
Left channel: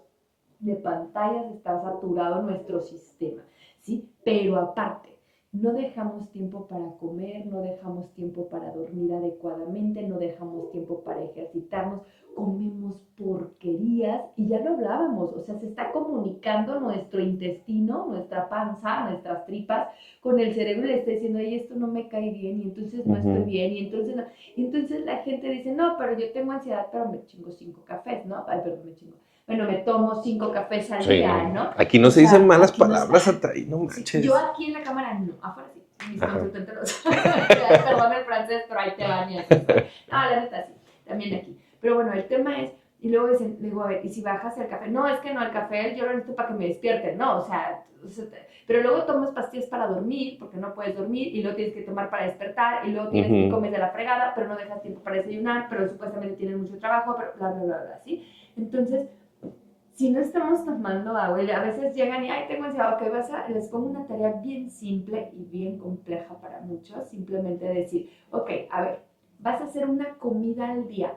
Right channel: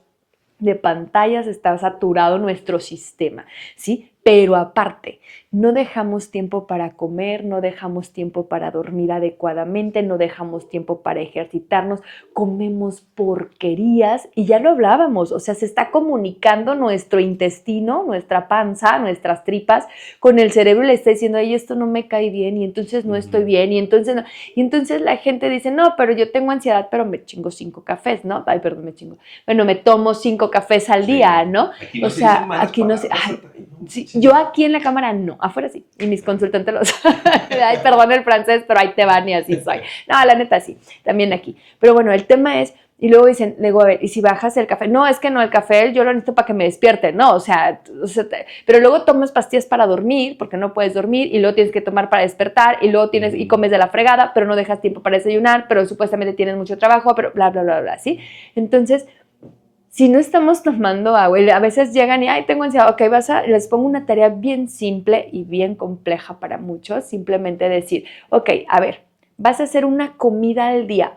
de pantallas, está saturado nuestro sistema, ¿sí? Pero aparte, no dejamos tiempo para comer, no dejamos tiempo para dormir adecuadamente, no dejamos tiempo para ejercitarnos, comemos porquerías y ya lo hablábamos, o sea, se está comunicando nuestro intestino, nuestra panza, nuestras tripas con el cerebro y le está diciendo, ay, esto no me cae bien y entonces no estoy bien y entonces no. Y entonces la gente dice, no, pero yo tengo ansiedad, pero me chingo 5 cafés, ¿no? Ay, perdón, bueno, me tomo 5 cafés al día, ¿no? Aquí no se dicen malas palabras, yo aquí en la cámara no, afuera sí, y mis consultantes los ay, perdón el francés, pero ahí te van y así soy. No, la neta sí, también aquí. Pero bueno, el tema es, y luego dicen, a ver, ¿y si bajas el café? No, es que no, el café yo lo necesito para que me despierte, ¿no? O sea pero luego tomas pastillas para dormir, porque no puedes dormir, y luego tienes que tomar para despertar, y luego tienes, y comes de la fregada, pero no dejas tiempo para desayunar, pero supuestamente tienes mucho trabajo, pero bla, bla, bla, bla, ¿sí? Entonces, si no estamos tomando agua, y a veces llegan y, ay, tengo ansiedad, ok, les pongo una tarea bien simple y bien compleja para muchos, simplemente decir, ok, a ver, vas a hacer una comida al día,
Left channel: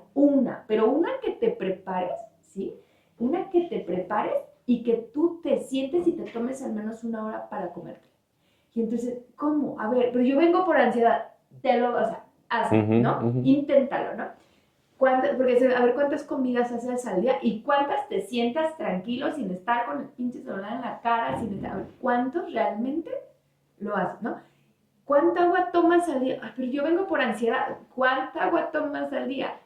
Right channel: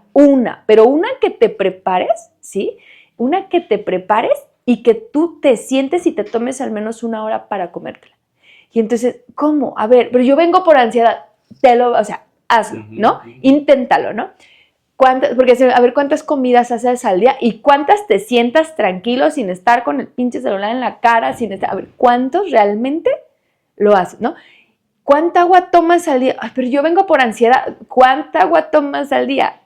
pero una que te prepares, ¿sí? Una que te prepares y que tú te sientes y te tomes al menos 1 hora para comértela. Y entonces, ¿cómo? A ver, pero yo vengo por ansiedad, hazlo, ¿no? Inténtalo, ¿no? Porque a ver cuántas comidas haces al día y cuántas te sientas tranquilo sin estar con el pinche celular en la cara, a ver cuántos realmente lo haces, ¿no? ¿Cuánta agua tomas al día? Ay, pero yo vengo por ansiedad. ¿Cuánta agua tomas al día?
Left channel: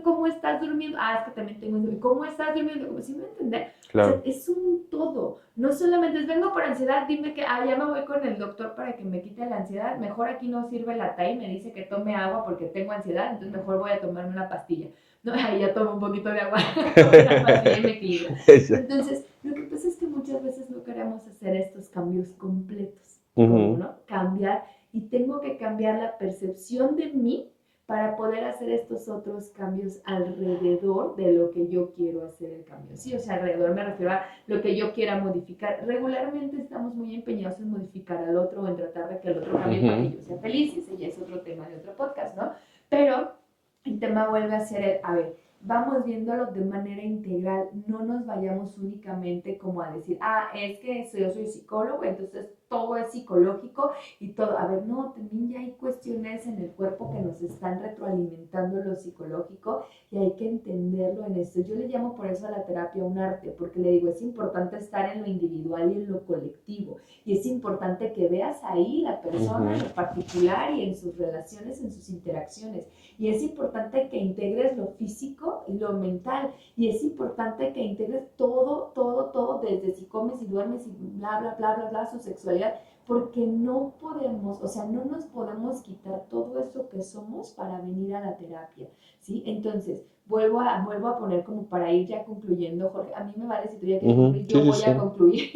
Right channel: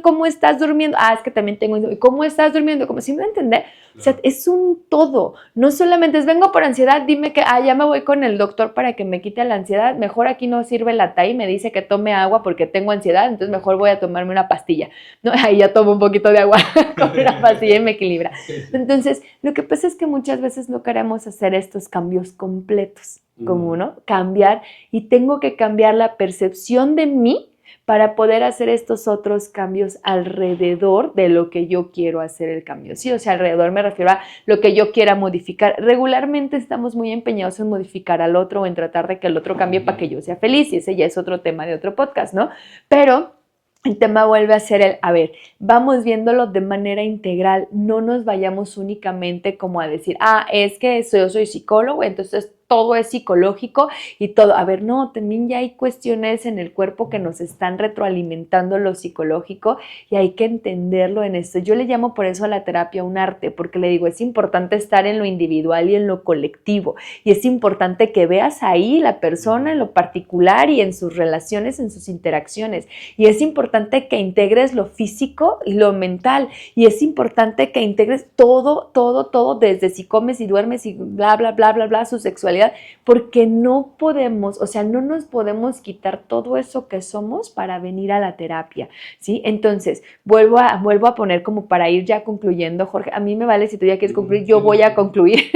¿Cómo estás durmiendo? Es que también tengo... ¿Cómo estás durmiendo? Como si me entender. Claro. O sea, es un todo. No solamente es vengo por ansiedad, dime que ya me voy con el doctor para que me quite la ansiedad. Mejor aquí no sirve la TAI, me dice que tome agua porque tengo ansiedad, entonces mejor voy a tomarme una pastilla. ¿No? Ahí ya tomo un poquito de agua, una pastilla y me equilibra. Entonces, lo que pasa es que muchas veces no queremos hacer estos cambios completos. Como, ¿no? Cambiar, y tengo que cambiar la percepción de mí para poder hacer estos otros cambios alrededor de lo que yo quiero hacer el cambio. Sí, o sea, alrededor me refiero a lo que yo quiera modificar. Regularmente estamos muy empeñados en modificar al otro o en tratar de que el otro cambie para que yo sea feliz, y ese ya es otro tema de otro podcast, ¿no? Pero el tema vuelve a ser a ver, vamos viéndolo de manera integral, no nos vayamos únicamente como a decir, es que yo soy psicólogo, entonces todo es psicológico y todo. A ver, no, también ya hay cuestiones en el cuerpo que nos están retroalimentando lo psicológico y hay que entenderlo en esto. Yo le llamo por eso a la terapia un arte, porque le digo, es importante estar en lo individual y en lo colectivo y es importante que veas ahí la persona en lo particular y en sus relaciones, en sus interacciones, y es importante que integres lo físico y lo mental, y es importante que integres todo, desde si comes y duermes y bla, bla, bla, bla, bla, su sexualidad, porque no podemos, o sea, no nos podemos quitar todo eso que somos para venir a la terapia, ¿sí? Entonces, vuelvo a poner como para ir ya concluyendo, Jorge, a mí me vale si tú ya quieres concluir, yo voy a concluir.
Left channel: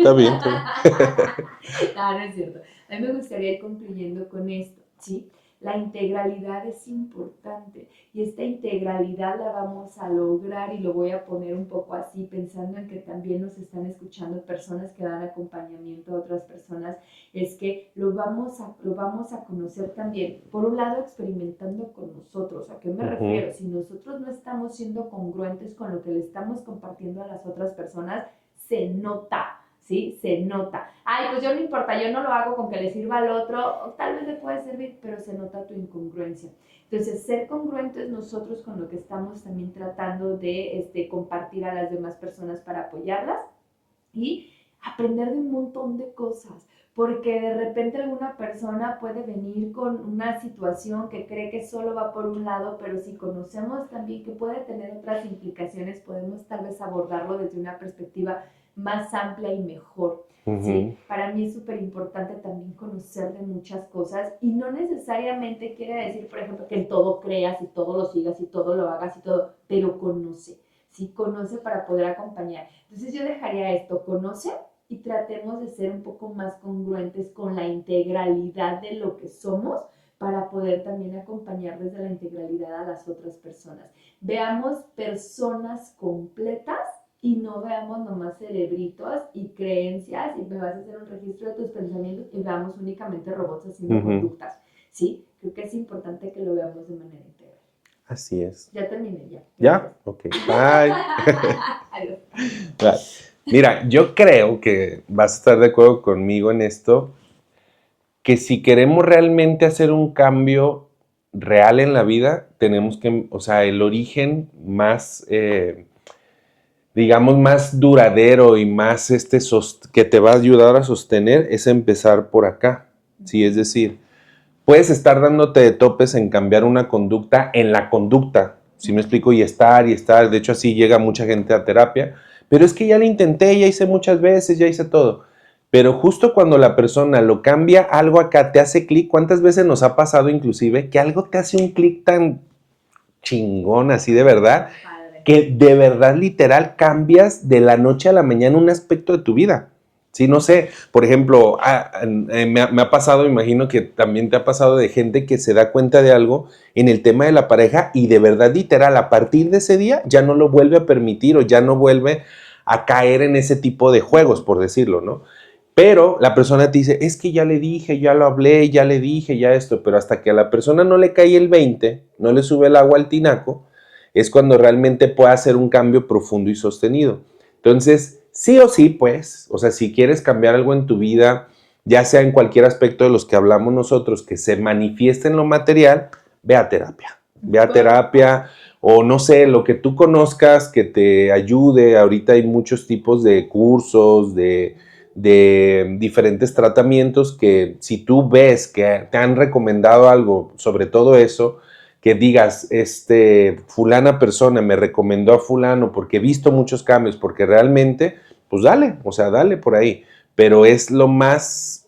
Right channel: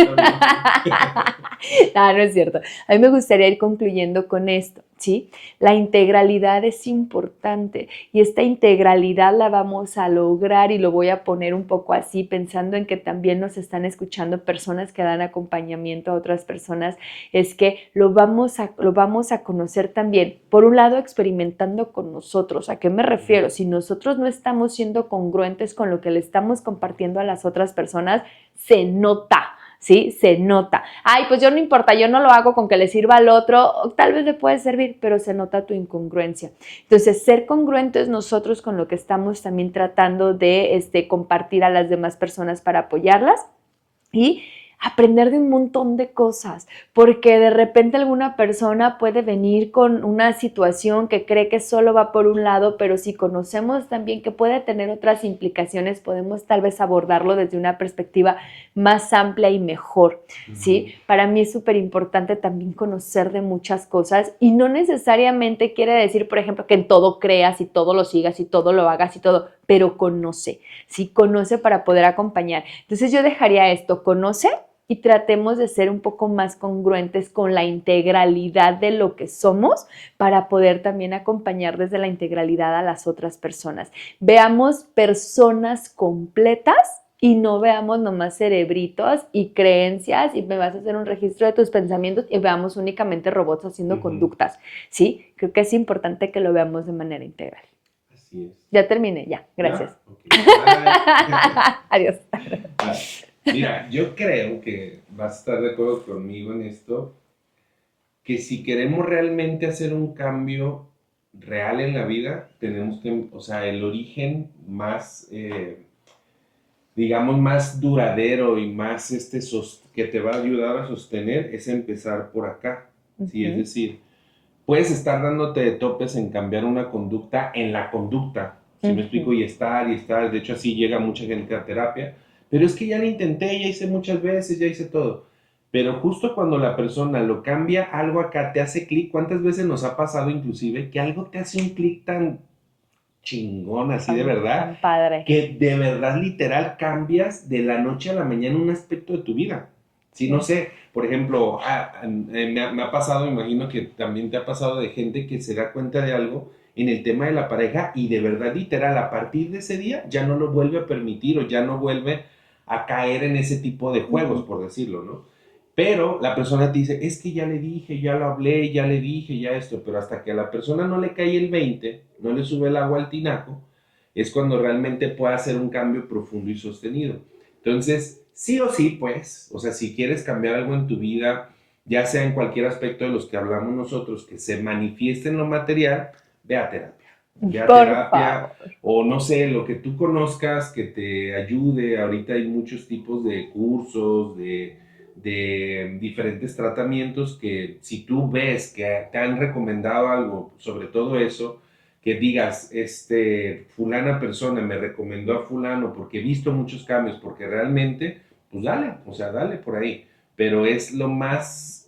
Está bien, sí. No es cierto. A mí me gustaría ir concluyendo con esto, ¿sí? La integralidad es importante y esta integralidad la vamos a lograr, y lo voy a poner un poco así, pensando en que también nos están escuchando personas que dan acompañamiento a otras personas, es que lo vamos a conocer también, por un lado, experimentando con nosotros. ¿A qué me refiero? Si nosotros no estamos siendo congruentes con lo que le estamos compartiendo a las otras personas, se nota. ¿Sí? Se nota. Ay, pues yo no importa, yo no lo hago con que le sirva al otro, tal vez le puede servir, pero se nota tu incongruencia. Entonces, ser congruentes nosotros con lo que estamos también tratando de compartir a las demás personas para apoyarlas, y aprender de un montón de cosas, porque de repente alguna persona puede venir con una situación que cree que solo va por un lado, pero si conocemos también que puede tener otras implicaciones, podemos tal vez abordarlo desde una perspectiva más amplia y mejor, ¿sí? Para mí es súper importante también conocer de muchas cosas, y no necesariamente quiere decir, por ejemplo, que en todo creas y todo lo sigas y todo lo hagas y todo, pero conoce, ¿sí? Conoce para poder acompañar. Entonces yo dejaría esto, conoce, y tratemos de ser un poco más congruentes con la integralidad de lo que somos para poder también acompañar desde la integralidad a las otras personas. Veamos personas completas y no veamos nomás cerebritos y creencias y me vas a hacer un registro de tus pensamientos y veamos únicamente robots haciendo conductas, ¿sí? Creo que es importante que lo veamos de manera integral. Así es. Ya terminé, ya. Gracias. ¿Ya? Ok. Bye. Adiós. Bye. Mira, yo creo que vas a estar de acuerdo conmigo en esto, que si queremos realmente hacer un cambio real en la vida, tenemos que, o sea, el origen más, digamos, más duradero y más que te va a ayudar a sostener es empezar por acá, ¿sí? Es decir, puedes estar dándote de topes en cambiar una conducta en la conducta, ¿sí me explico? Y estar, de hecho así llega mucha gente a terapia, pero es que ya lo intenté, ya hice muchas veces, ya hice todo. Pero justo cuando la persona lo cambia, algo acá te hace clic. ¿Cuántas veces nos ha pasado inclusive que algo te hace un clic tan chingón, así de verdad, que de verdad literal cambias de la noche a la mañana un aspecto de tu vida? Sí, no sé, por ejemplo, me ha pasado, imagino que también te ha pasado, de gente que se da cuenta de algo en el tema de la pareja y de verdad literal a partir de ese día ya no lo vuelve a permitir o ya no vuelve a caer en ese tipo de juegos, por decirlo, ¿no? Pero la persona te dice, es que ya le dije, ya lo hablé, ya le dije, ya esto, pero hasta que a la persona no le cae el 20, no le sube el agua al tinaco, es cuando realmente puede hacer un cambio profundo y sostenido. Entonces, sí o sí, pues, o sea, si quieres cambiar algo en tu vida, ya sea en cualquier aspecto de los que hablamos nosotros, que se manifieste en lo material, ve a terapia. Ve a terapia o no sé, lo que tú conozcas que te ayude. Ahorita hay muchos tipos de cursos, de diferentes tratamientos que si tú ves que te han recomendado algo sobre todo eso, que digas, fulana persona me recomendó a fulano porque he visto muchos cambios, porque realmente, pues dale, o sea, dale por ahí. Pero es lo más,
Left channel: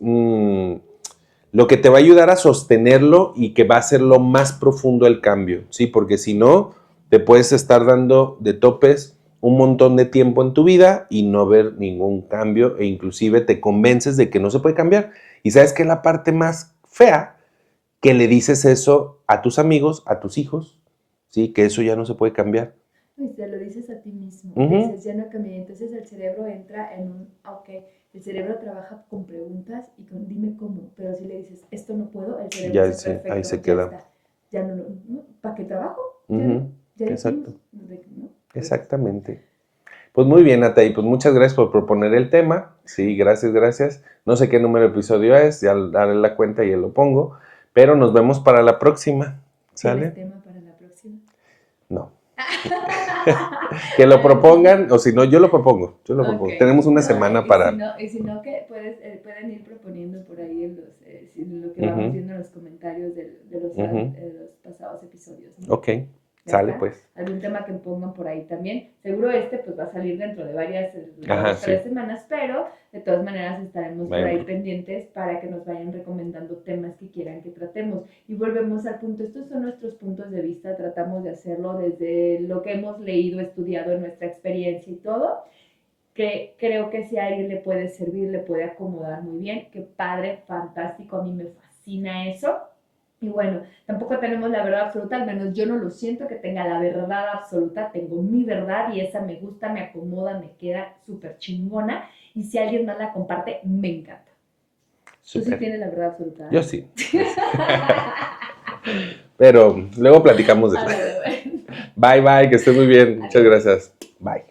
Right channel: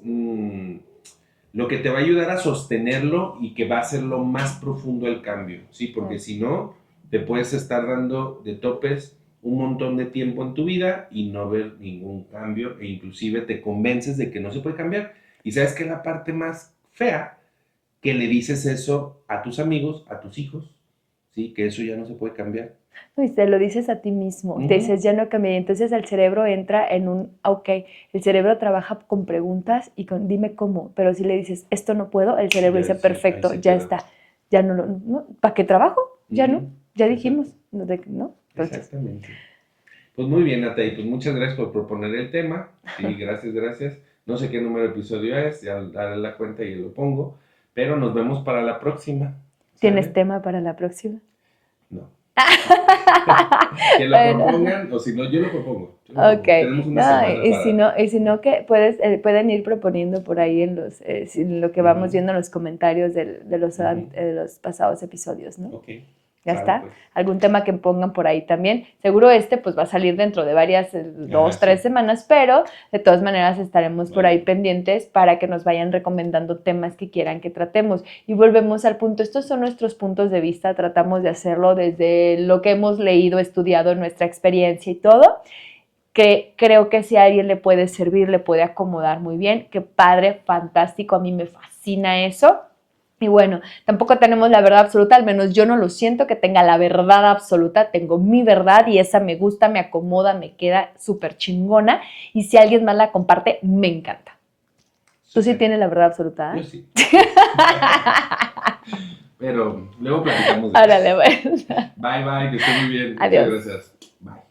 lo que te va a ayudar a sostenerlo y que va a ser lo más profundo el cambio, ¿sí? Porque si no, te puedes estar dando de topes un montón de tiempo en tu vida y no ver ningún cambio, e inclusive te convences de que no se puede cambiar. Y sabes que es la parte más fea, que le dices eso a tus amigos, a tus hijos, ¿sí? Que eso ya no se puede cambiar. Y te lo dices a ti mismo, te dices, ya no cambié. Entonces el cerebro entra en un, ok, el cerebro trabaja con preguntas y con, dime cómo, pero si le dices, esto no puedo, el cerebro dice, perfecto, ya está, ya no, ¿para qué trabajo? Ya no, ya dijimos, ¿no? Entonces, exactamente. Pues muy bien, Natalie, pues muchas gracias por proponer el tema, sí, gracias. No sé qué número de episodio es, ya daré la cuenta y ya lo pongo. Pero nos vemos para la próxima. ¿Sale? ¿Tienes tema para la próxima? No. Que lo propongan, o si no, yo lo propongo. Okay. Tenemos una semana para... Y si no que pueden ir proponiendo por ahí en lo que vamos viendo en los comentarios de los pasados episodios, ¿no? Ok. ¿Ya está? Pues. ¿Algún tema que pongan por ahí también? Seguro pues va a salir dentro de varias, 2-3 semanas, pero de todas maneras estaremos por ahí pendientes para que nos vayan recomendando temas que quieran que tratemos. Y volvemos al punto, estos son nuestros puntos de vista, tratamos de hacerlo desde lo que hemos leído, estudiado, nuestra experiencia y todo, que creo que si a alguien le puede servir, le puede acomodar muy bien. Qué padre, fantástico, a mí me fascina eso. Y bueno, tampoco tenemos la verdad absoluta, al menos yo no lo siento que tenga la verdad absoluta, tengo mi verdad y esa me gusta, me acomoda, me queda súper chingona y si alguien más la comparte, me encanta. ¿Tú sí tienes la verdad absoluta? Yo sí. Pero luego platicamos de eso. Árale, bueno. Bye, bye, que esté muy bien. Adiós. Muchas gracias. Bye.